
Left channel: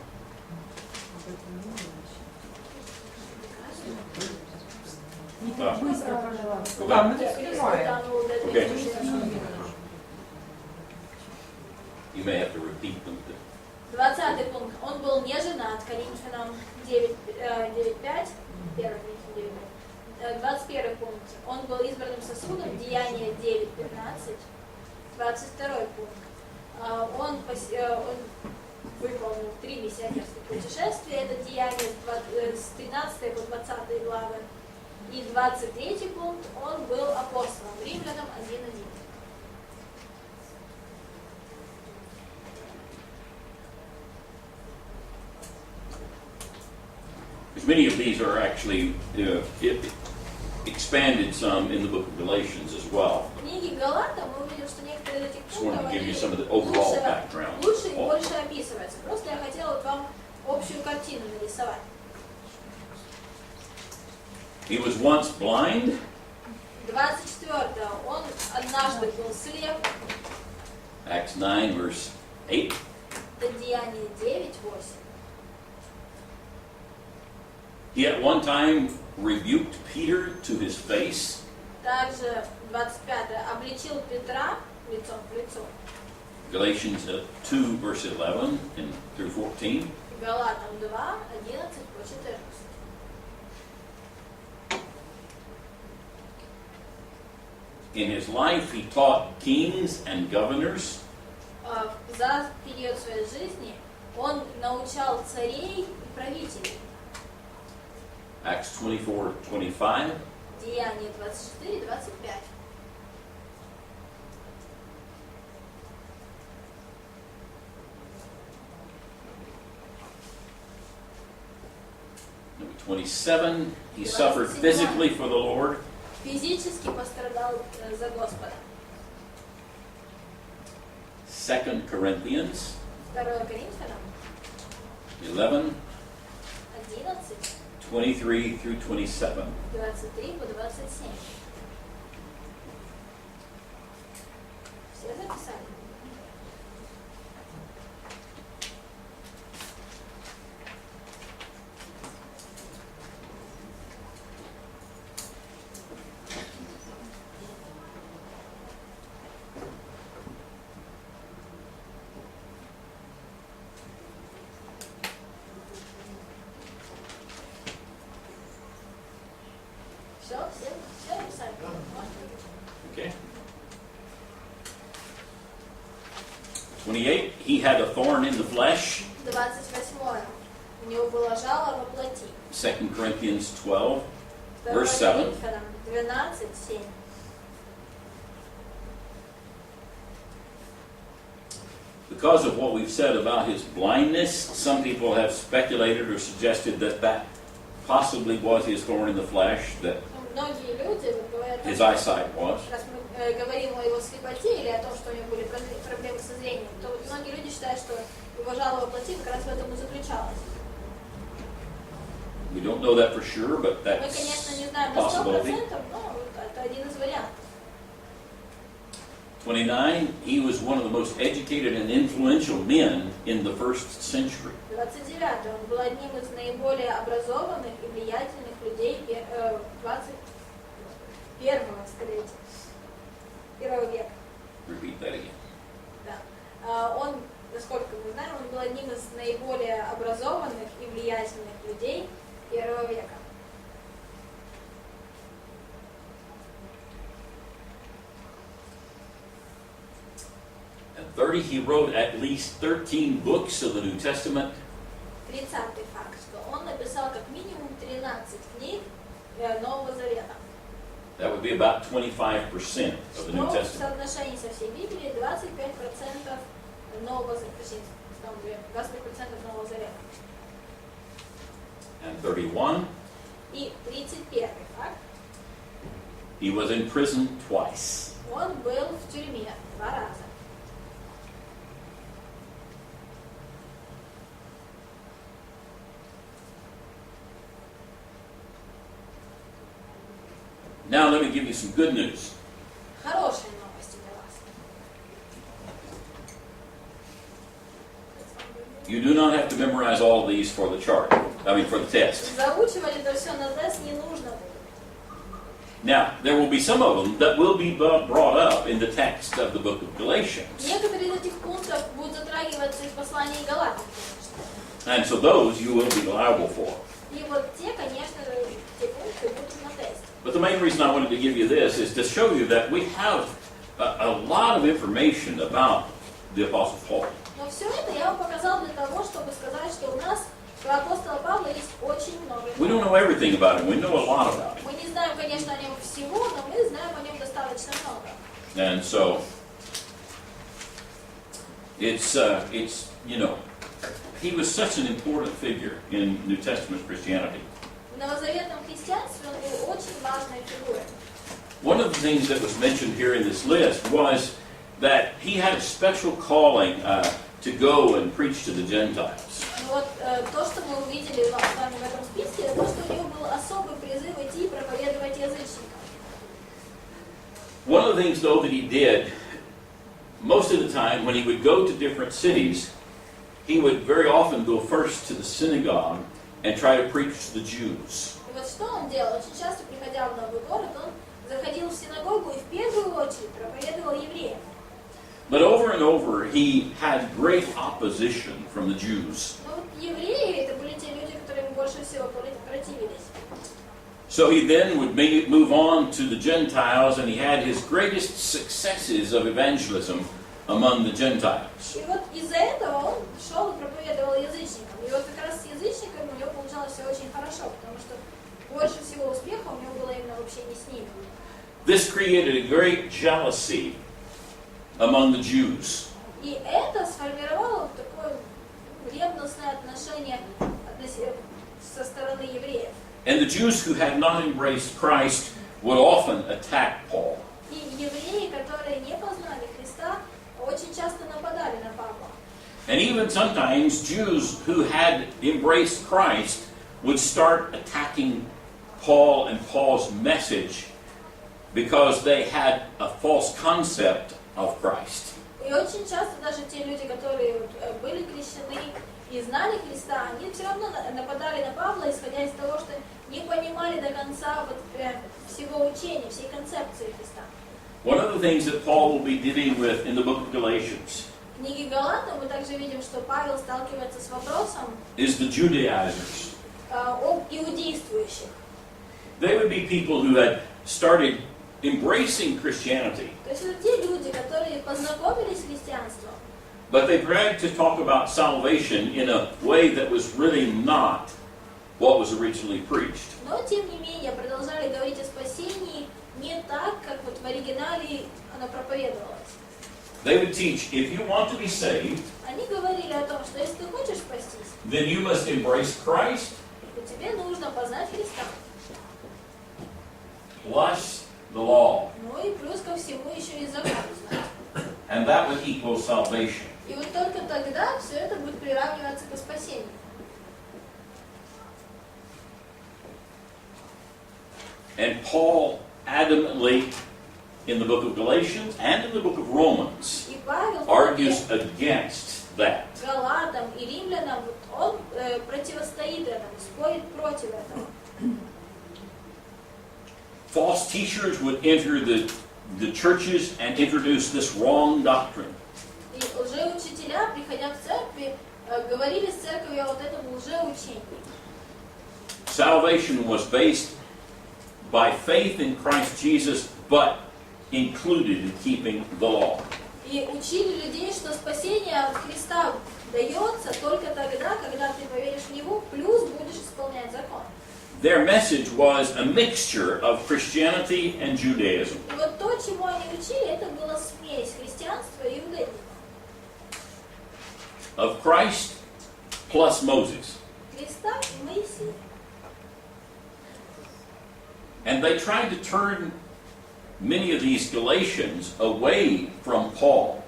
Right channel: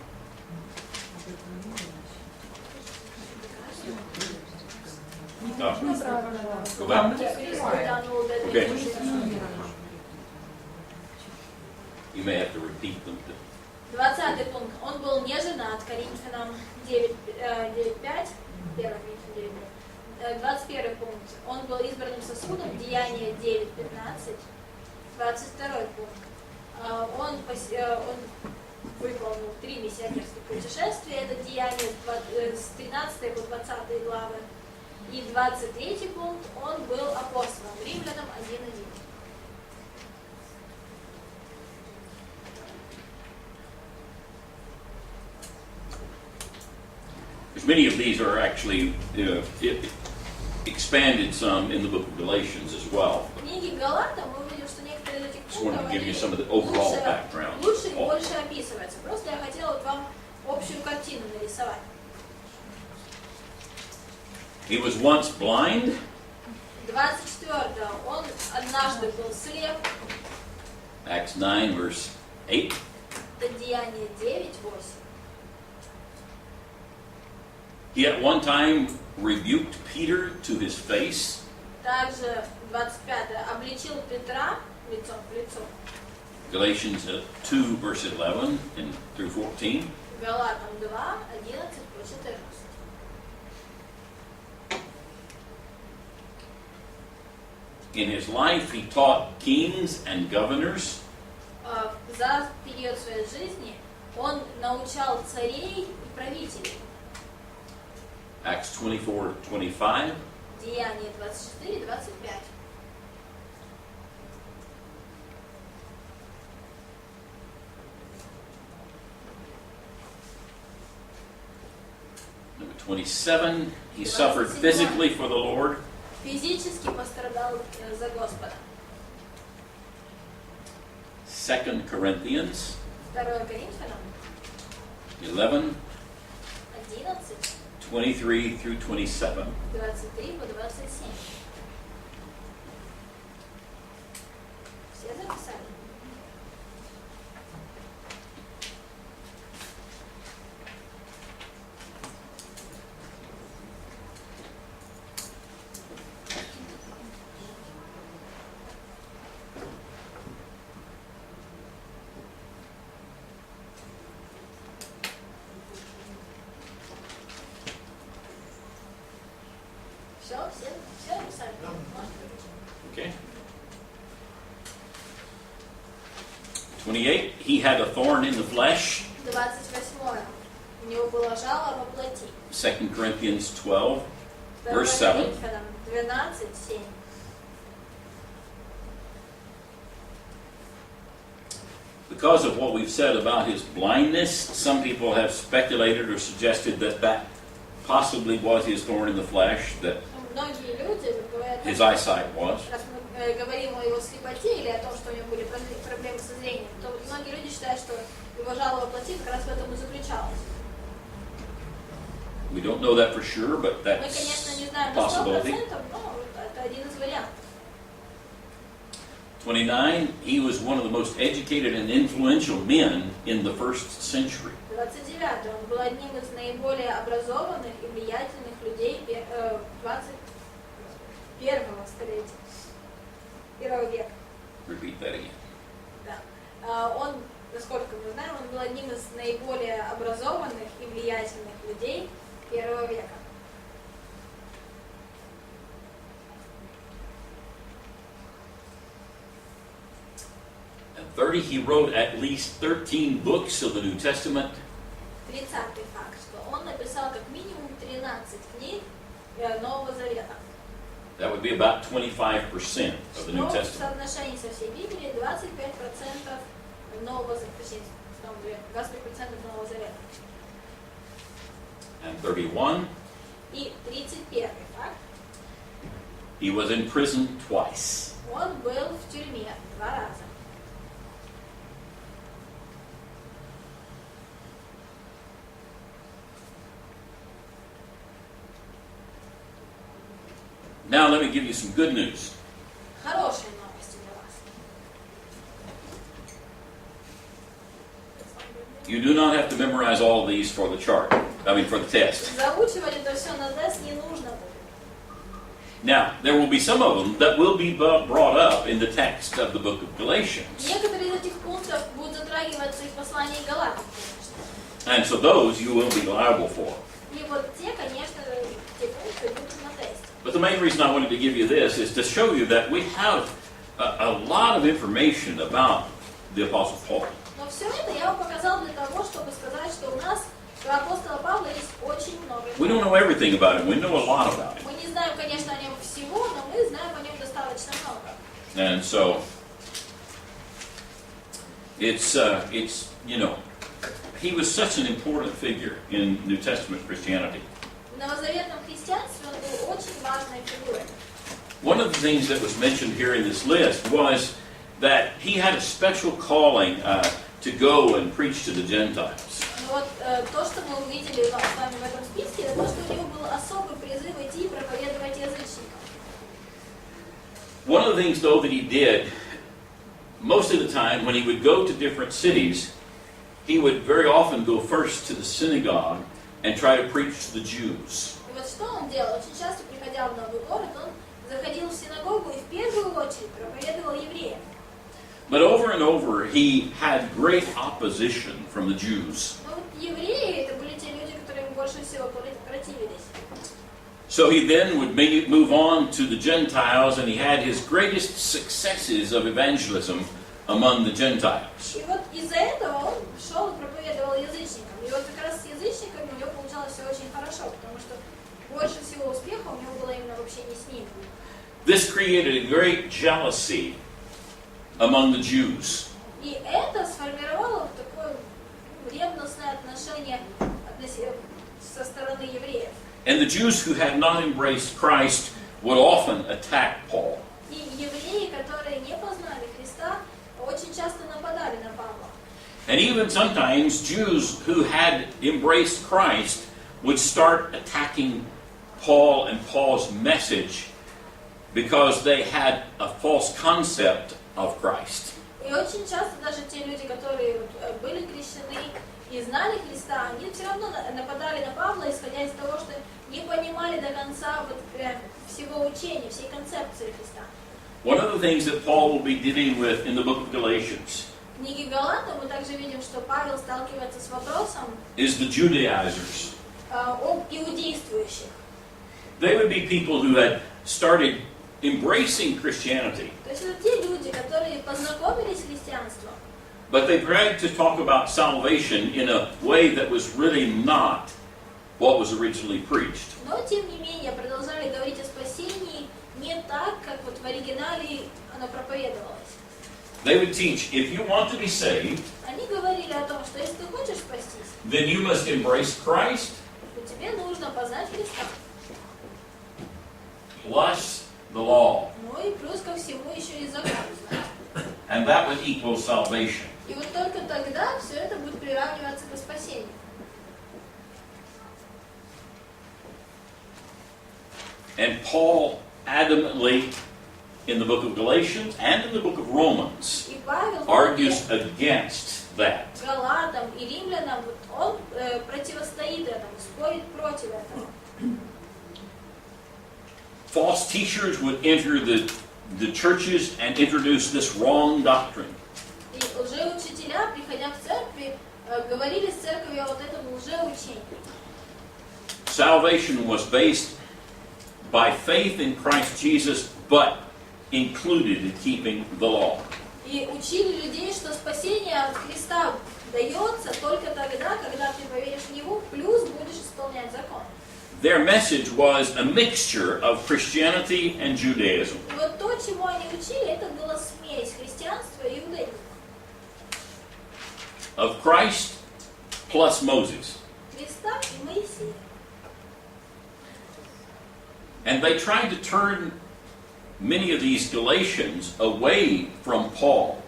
Go back. Okay. You may have to repeat them. 20 пункт. Он был не женат, Коринфянам 9:5, 1 Коринфянам 9:5. 21 пункт. Он был избранным сосудом, Деяния 9:15. 22 пункт. Он выполнил 3 миссионерских путешествия, это Деяния с 13 по 20 главы. И 23 пункт, он был апостолом, Римлянам 1:1. Many of these are actually expanded some in the book of Galatians as well. В книге Галатам мы увидим, что некоторые из этих Just wanted пунктов to give you some of the overall background. лучше и больше описываются. Просто я хотела вот вам общую картину нарисовать. He was once blind. 24. Он однажды был слеп. Acts 9, verse 8. Это Деяние 9:8. He at one time rebuked Peter to his face. Также 25. Обличил Петра лицом к лицу. Galatians 2, verse 11 and through 14. Галатам 2, 11 по 14. In his life, he taught kings and governors. За период своей жизни он научал царей и правителей. Acts 24:25. Деяние 24-25. Number 27, he suffered physically for the Lord. Физически пострадал за Господа. 2 Corinthians 2 Коринфянам 11, 11, 23 through 27. 23 по 27. Все записали? Все написали? Okay. 28, he had a thorn in the flesh. 28. У него было жало во плоти. 2 Corinthians 12, 2 verse 7. Коринфянам 12, 7. Because of what we've said about his blindness, some people have speculated or suggested that that possibly was his thorn in the flesh, that Многие люди говорят, his eyesight was. раз мы говорим о его слепоте или о том, что у него были проблемы со зрением, то вот многие люди считают, что его жало во плоти как раз в этом и заключалось. We don't know that for sure, but Мы, that's конечно, не знаем a на possibility. 100%, но это один из вариантов. 29, he was one of the most educated and influential men in the first century. 29. Он был одним из наиболее образованных и влиятельных людей 21-го столетия, 1 века. Repeat that again. Да. Он, насколько мы знаем, он был одним из наиболее образованных и влиятельных людей 1 века. At 30, he wrote at least 13 books of the New Testament. 30-й факт, что он написал как минимум 13 книг Нового Завета. That would be about 25% of the New Но в Testament. соотношении со всей Библией 25% Нового Завета, точнее, 25% Нового Завета. And 31, И 31-й факт, he was in prison twice. он был в тюрьме 2 раза. Now let me give you some good news. Хорошие новости для вас. You do not have to memorize all of these for the chart. For the test. Заучивать это все на тест не нужно будет. Now, there will be some of them that will be brought up in the text of the book of Galatians. Некоторые из этих пунктов будут затрагиваться и в послании Галатам, конечно. And so those you will be liable for. И вот те, конечно, те пункты будут на тесте. But the main reason I wanted to give you this is to show you that we have a lot of information about the Apostle Paul. Но все это я вам показал для того, чтобы сказать, что у нас про апостола Павла есть очень много. We don't know everything about him. We know a lot about him. Мы не знаем, конечно, о нем всего, но мы знаем о нем достаточно много. And so it's he was such an important figure in New Testament Christianity. В новозаветном христианстве он был очень важной фигурой. One of the things that was mentioned here in this list was that he had a special calling to go and preach to the Gentiles. Вот то, что мы увидели с вами в этом списке, это то, что у него был особый призыв идти и проповедовать язычникам. One of the things, though, that he did, most of the time when he would go to different cities, he would very often go first to the synagogue and try to preach to the Jews. И вот что он делал? Очень часто, приходя в новый город, он заходил в синагогу и в первую очередь проповедовал евреям. But over and over, he had great opposition from the Jews. Но вот евреи, это были те люди, которые ему больше всего противились. So he then would move on to the Gentiles, and he had his greatest successes of evangelism among the Gentiles. И вот из-за этого он шел и проповедовал язычникам. И вот как раз с язычниками у него получалось все очень хорошо, потому что больше всего успеха у него было именно в общении с ними. This created a great jealousy among the Jews. И это сформировало такое ревностное отношение со стороны евреев. And the Jews who had not embraced Christ would often attack Paul. И евреи, которые не познали Христа, очень часто нападали на Павла. And even sometimes Jews who had embraced Christ would start attacking Paul and Paul's message because they had a false concept of Christ. И очень часто даже те люди, которые были крещены и знали Христа, они все равно нападали на Павла, исходя из того, что не понимали до конца всего учения, всей концепции Христа. One of the things that Paul will be dealing with in the book of Galatians В книге Галатам мы также видим, что Павел сталкивается с вопросом is the Judaizers. об иудействующих. They would be people who had started embracing Christianity, То есть это те люди, которые познакомились с христианством, but they tried to talk about salvation in a way that was really not what was originally preached. но тем не менее продолжали говорить о спасении не так, как вот в оригинале оно проповедовалось. They would teach, if you want to be saved, Они говорили о том, что если ты хочешь спастись, then you must embrace Christ то тебе нужно познать Христа. plus the law. Ну и плюс ко всему еще и закон знать. And that would equal salvation. И вот только тогда все это будет приравниваться к спасению. And Paul adamantly, in the book of Galatians and in the book of Romans, И Павел argues against that. Галатам и римлянам, вот он противостоит этому, спорит против этого. False teachers would enter the churches and introduce this wrong doctrine. И лжеучителя, приходя в церкви, говорили с церковью о вот этом лжеучении. Salvation was based by faith in Christ Jesus, but included in keeping the law. И учили людей, что спасение от Христа дается только тогда, когда ты поверишь в Него, плюс будешь исполнять закон. Their message was a mixture of Christianity and Judaism. И вот то, чему они учили, это была смесь христианства и иудаизма. Of Christ plus Moses. Христа и Моисея. And they tried to turn many of these Galatians away from Paul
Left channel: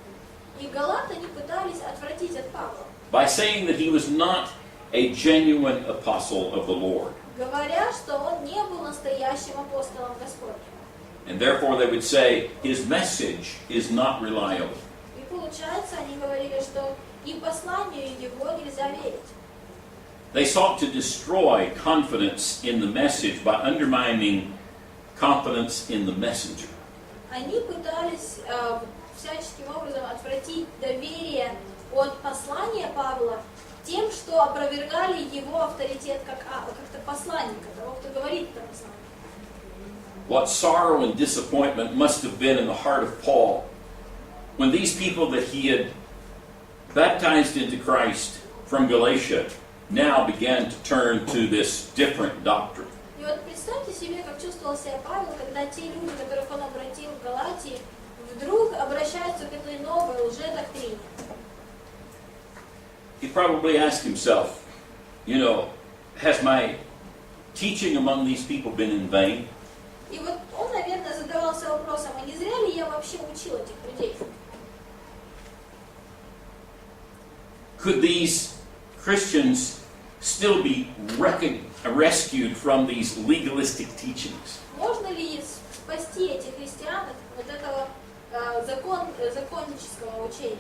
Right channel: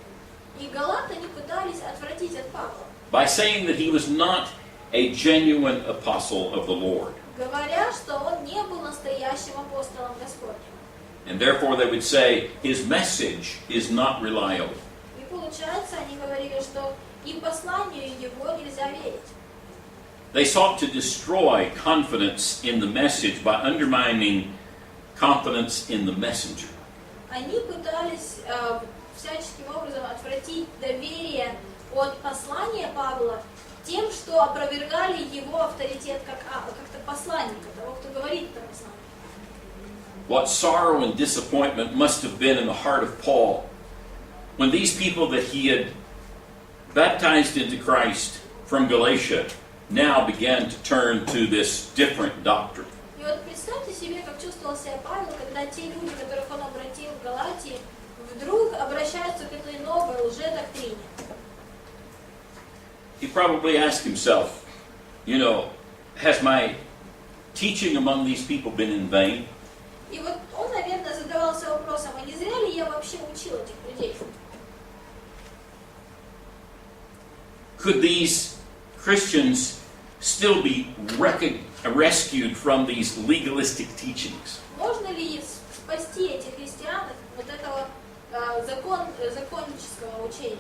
И галаты они пытались отвратить от Павла, by saying that he was not a genuine apostle of the Lord. говоря, что он не был настоящим апостолом Господним. And therefore they would say his message is not reliable. И получается, они говорили, что и посланию его нельзя верить. They sought to destroy confidence in the message by undermining confidence in the messenger. Они пытались всяческим образом отвратить доверие от послания Павла тем, что опровергали его авторитет как-то посланника, того, кто говорит это послание. What sorrow and disappointment must have been in the heart of Paul when these people that he had baptized into Christ from Galatia now began to turn to this different doctrine. И вот представьте себе, как чувствовал себя Павел, когда те люди, которых он обратил в Галатии, вдруг обращаются к этой новой лжедоктрине. He probably asked himself, has my teaching among these people been in vain? И вот он, наверное, задавался вопросом, а не зря ли я вообще учил этих людей? Could these Christians still be rescued from these legalistic teachings? Можно ли спасти этих христиан от вот этого законнического учения.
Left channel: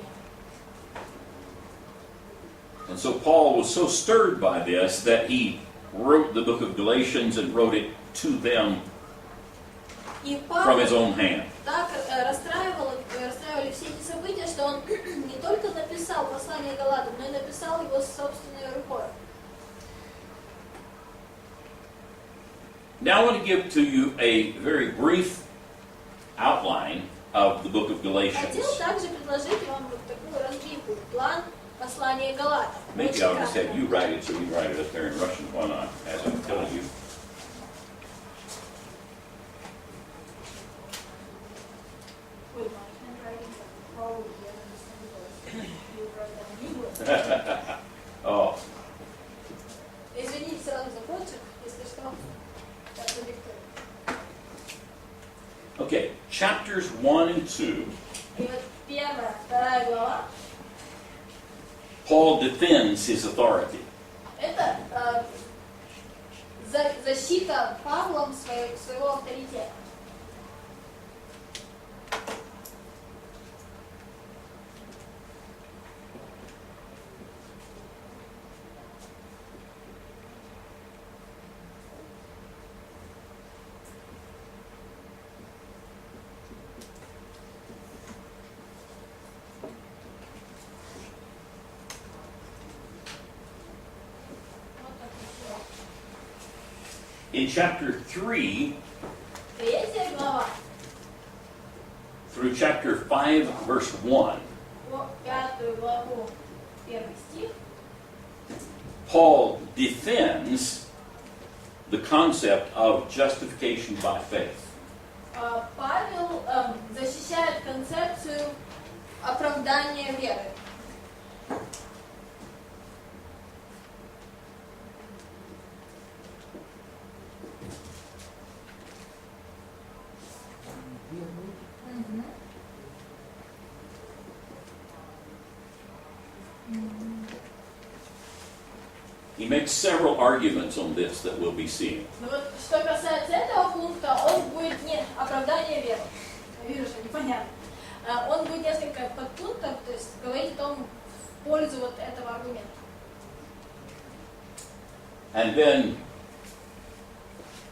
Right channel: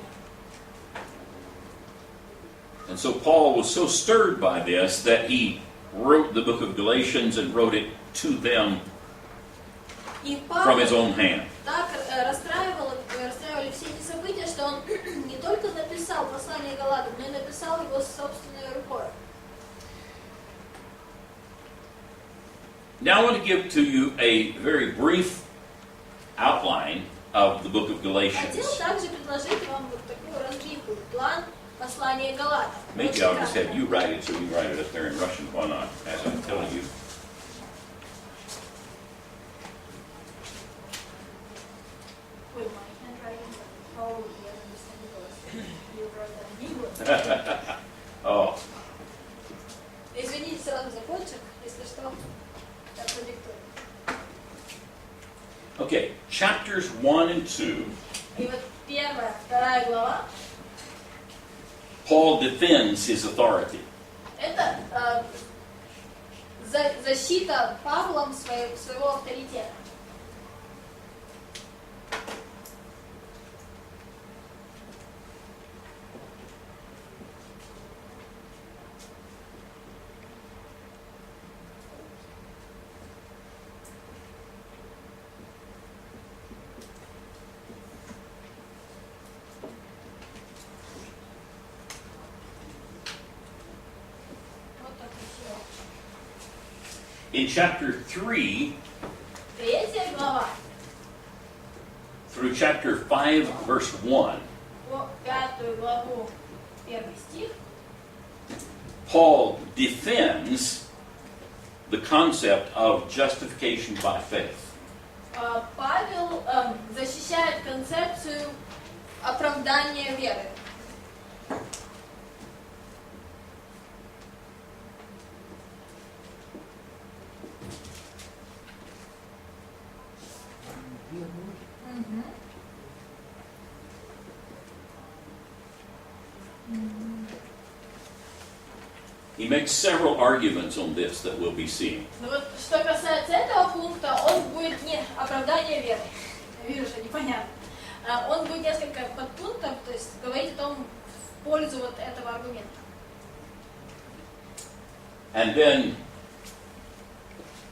And so Paul was so stirred by this that he wrote the book of Galatians and wrote it to them И from his Павел own hand. так расстраивали все эти события, что он не только написал послание Галатам, но и написал его собственной рукой. Now I want to give to you a very brief outline of the book of Хотел Galatians. также предложить вам вот такую разбивку, план послания Галатам. Maybe Очень I'll just кратко. have you write it so you can write it up there in Russian. Why not? As I'm telling you. With my handwriting, probably understandable. You wrote that in English. Oh, Извините сразу за почерк, если что, я продиктую. okay. Chapters 1 and 2, И вот первая, вторая глава, Paul defends his authority. это защита Павлом своего авторитета. Вот так красиво. In chapter 3 Третья глава, through chapter 5, verse 1, по пятую главу, первый стих, Paul defends the concept of justification by faith. Павел защищает концепцию оправдания веры. He makes several arguments on this that we'll be seeing. Но вот что касается этого пункта, он будет не оправдание веры. Я вижу, что непонятно. Он будет несколько подпунктов, то есть говорить о том в пользу вот этого аргумента. And then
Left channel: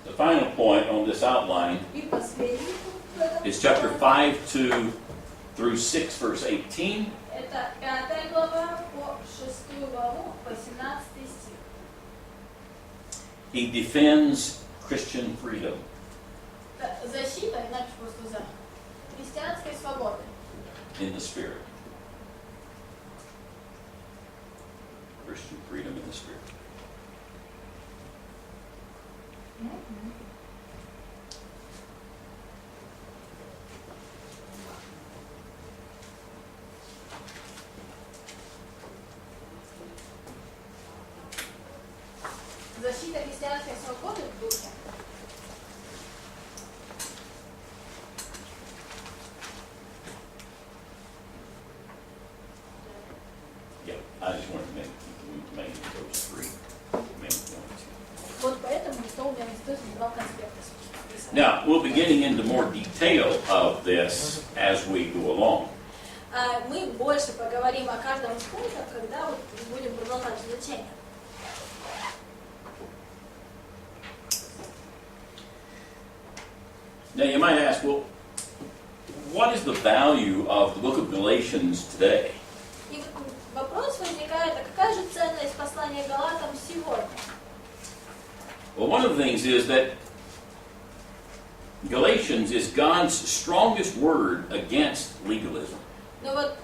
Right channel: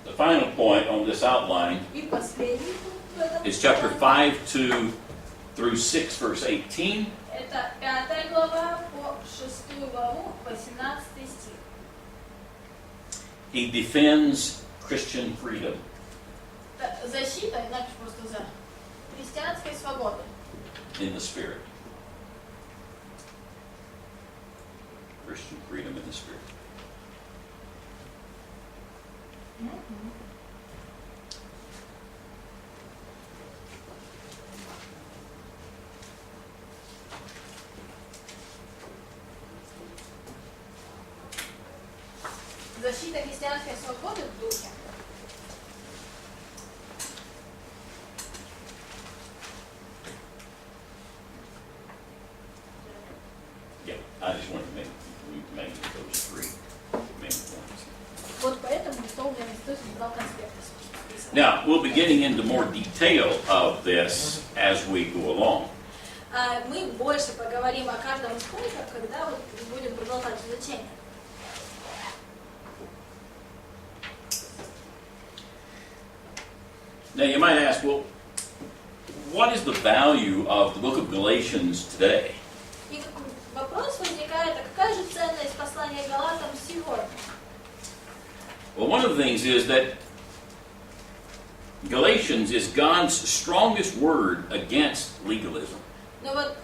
the final point on this outline И последний пункт в этом is chapter плане. 5 through 6, verse 18. Это 5 глава по 6 главу, 18 стих. He defends Christian freedom. Это защита, иначе просто за христианской свободы. In the Spirit. Christian freedom in the Spirit. Защита христианской свободы в духе. Yeah, I just wanted to make those three main points. Вот поэтому что у меня здесь два конспекта написано. Now, we'll be getting into more detail of this as we go along. Мы больше поговорим о каждом из пунктов, когда вот будем продолжать изучение. Now, you might ask, well, what is the value of the book of Galatians today? И вопрос возникает, а какая же ценность послания Галатам сегодня? Well, one of the things is that Galatians is God's strongest word against legalism. Ну вот,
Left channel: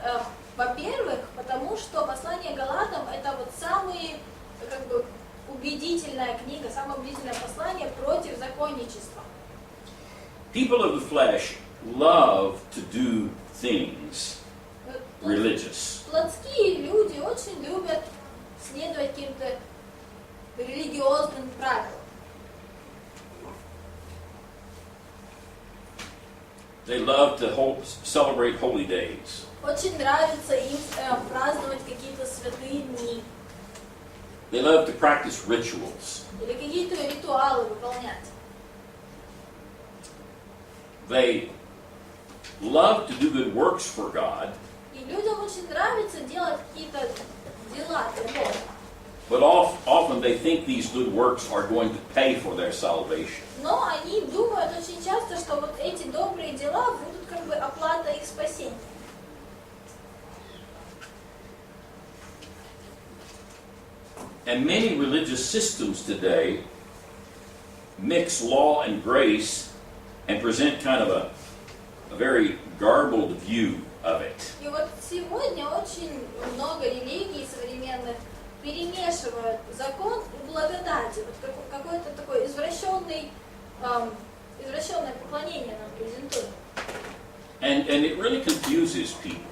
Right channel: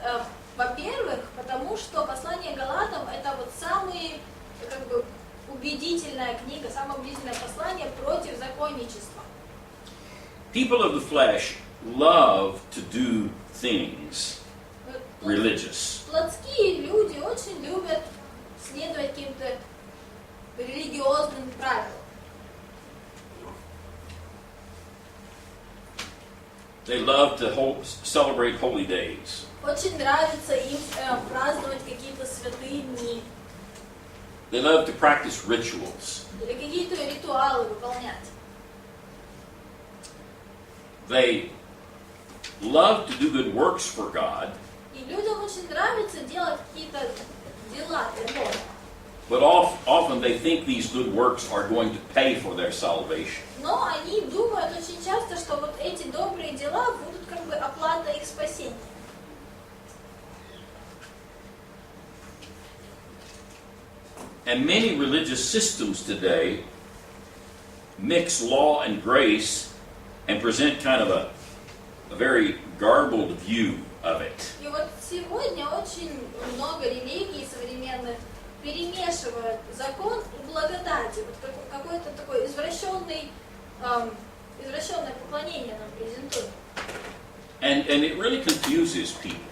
во-первых, потому что послание Галатам это вот самая как бы убедительная книга, самое убедительное послание против законничества. People of the flesh love to do things religious. Плотские люди очень любят следовать каким-то религиозным правилам. They love to celebrate holy days. Очень нравится им праздновать какие-то святые дни They love to practice rituals. или какие-то ритуалы выполнять. they love to do good works for God, И людям очень нравится делать какие-то дела для Бога. but often they think these good works are going to pay for their salvation. Но они думают очень часто, что вот эти добрые дела будут как бы оплата их спасения. And many religious systems today mix law and grace and present kind of a very garbled view of it. И вот сегодня очень много религий современных перемешивают закон и благодати. Вот какое-то такое извращенное поклонение нам презентуют. And it really confuses people.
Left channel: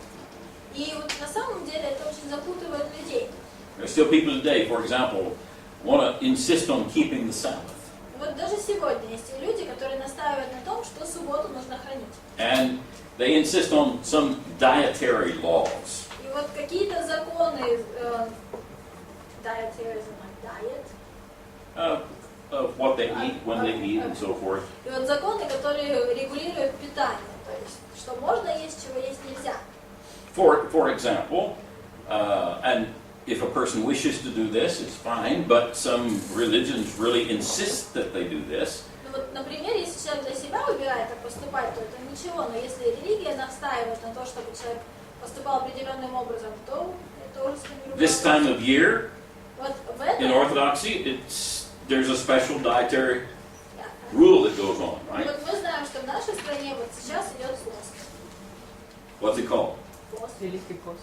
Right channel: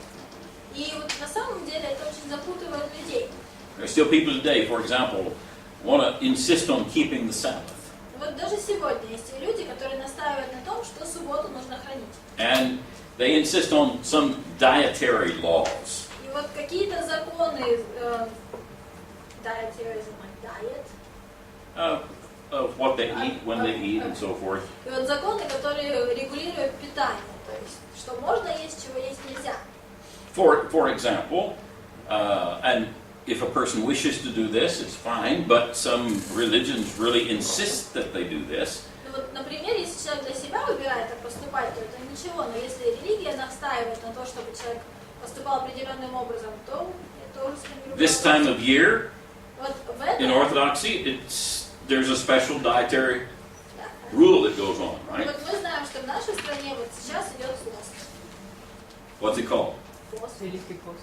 И вот на самом деле это очень запутывает людей. There are still people today, for example, want to insist on keeping the Sabbath. Вот даже сегодня есть и люди, которые настаивают на том, что субботу нужно хранить. And they insist on some dietary laws. И вот какие-то законы, dietary, like diet, Of what they eat, when they eat, and so forth. и вот законы, которые регулируют питание, то есть что можно есть, чего есть нельзя. For example, and if a person wishes to do this, it's fine, but some religions really insist that they do this. Ну вот, например, если человек для себя выбирает так поступать, то это ничего, но если религия настаивает на то, чтобы человек поступал определенным образом, то это уже другое. This time of year, Вот в этом, in Orthodoxy, there's a special dietary rule that goes on, И right? вот мы знаем, что в нашей стране вот сейчас идет пост. What's it called? Пост. Великий пост.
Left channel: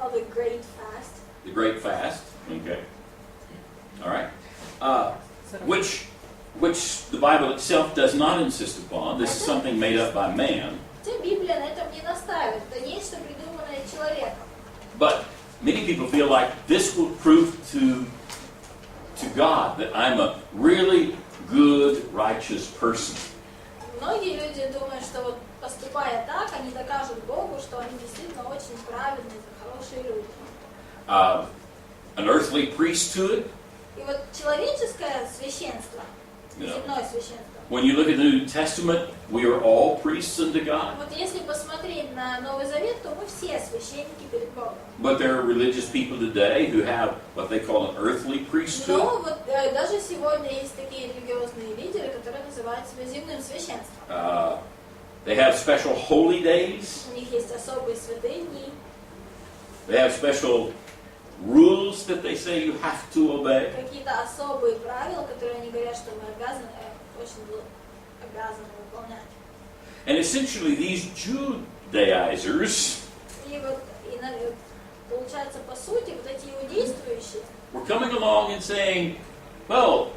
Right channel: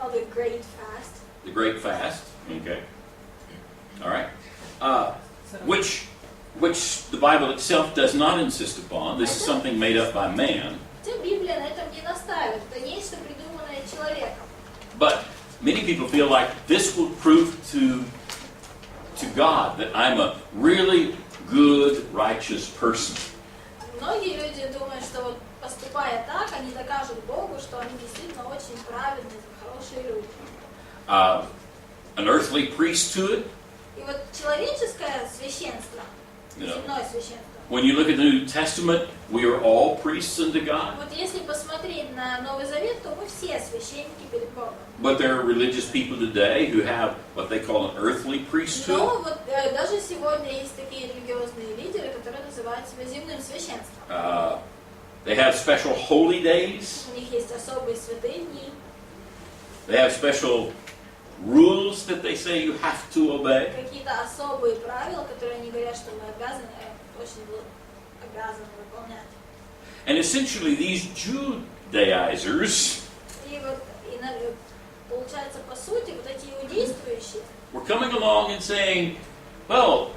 Oh, the great fast. The Great Fast. Okay. All right. Which the Bible itself does not insist upon. This is something made up by man. Хотя Библия на этом не настаивает, это нечто придуманное человеком. But many people feel like this will prove to God that I'm a really good, righteous person. Многие люди думают, что вот поступая так, они докажут Богу, что они действительно очень праведные, хорошие люди. An earthly priesthood. И вот человеческое священство, земное священство. When you look at the New Testament, we are all priests unto God. Вот если посмотреть на Новый Завет, то мы все священники перед Богом. But there are religious people today who have what they call an earthly priesthood. Но вот даже сегодня есть такие религиозные лидеры, которые называют себя земным священством. They have special holy days. У них есть особые святые дни. They have special rules that they say you have to obey. Какие-то особые правила, которые они говорят, что мы обязаны выполнять. And essentially these Judaizers И вот получается, по сути, вот эти иудействующие were coming along and saying, well,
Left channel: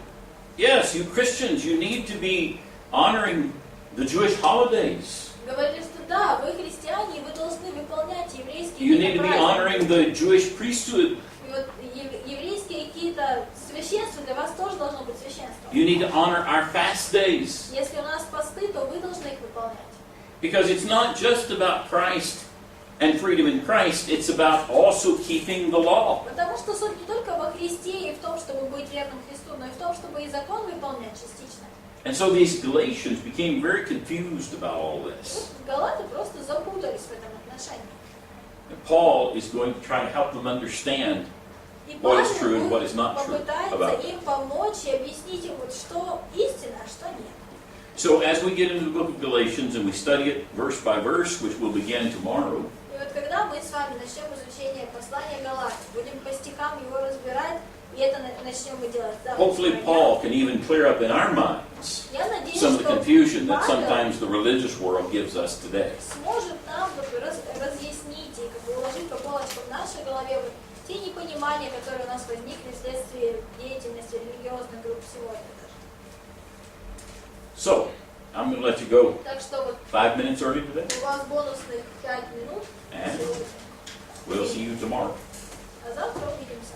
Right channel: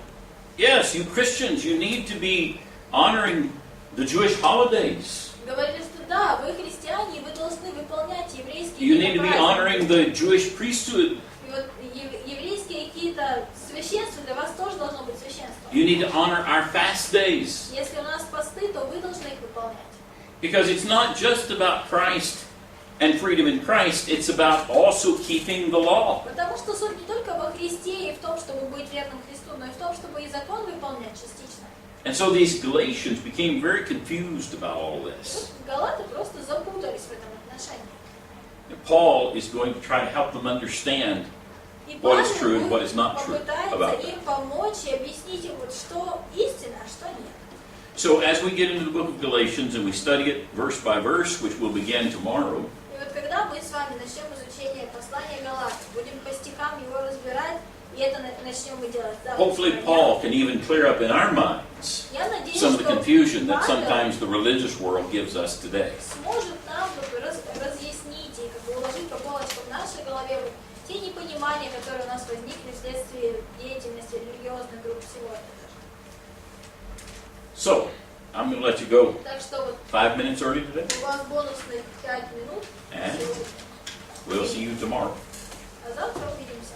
yes, you Christians, you need to be honoring the Jewish holidays. говорили, что да, вы христиане, вы должны выполнять еврейские You need to be honoring the Jewish priesthood. И вот еврейские какие-то священства для вас тоже должно быть священством. You need to honor our fast days. Если у нас посты, то вы должны их выполнять. Because it's not just about Christ and freedom in Christ, it's about also keeping the law. Потому что суть не только во Христе и в том, чтобы быть верным Христу, но и в том, чтобы и закон выполнять частично. And so these Galatians became very confused about all this. Вот галаты просто запутались в этом отношении. And Paul is going to try to help them understand И what is true and what is not true попытается about им that. помочь и объяснить им, вот, что истина, а что нет. So as we get into the book of Galatians and we study it verse by verse, which will begin tomorrow, И вот когда мы с вами начнем изучение послания Галатам, будем по стихам его разбирать, и это начнем мы делать завтра. hopefully Paul can even clear up in our minds Я надеюсь, some of the что confusion that Павел sometimes the religious world gives us today. сможет нам вот разъяснить и как бы уложить по полочкам в нашей голове вот те непонимания, которые у нас возникли вследствие деятельности религиозных групп сегодня даже. So, I'm going to let you go Так что вот 5 minutes early today, у вас бонусных 5 минут and сегодня. we'll see you tomorrow. А завтра увидимся.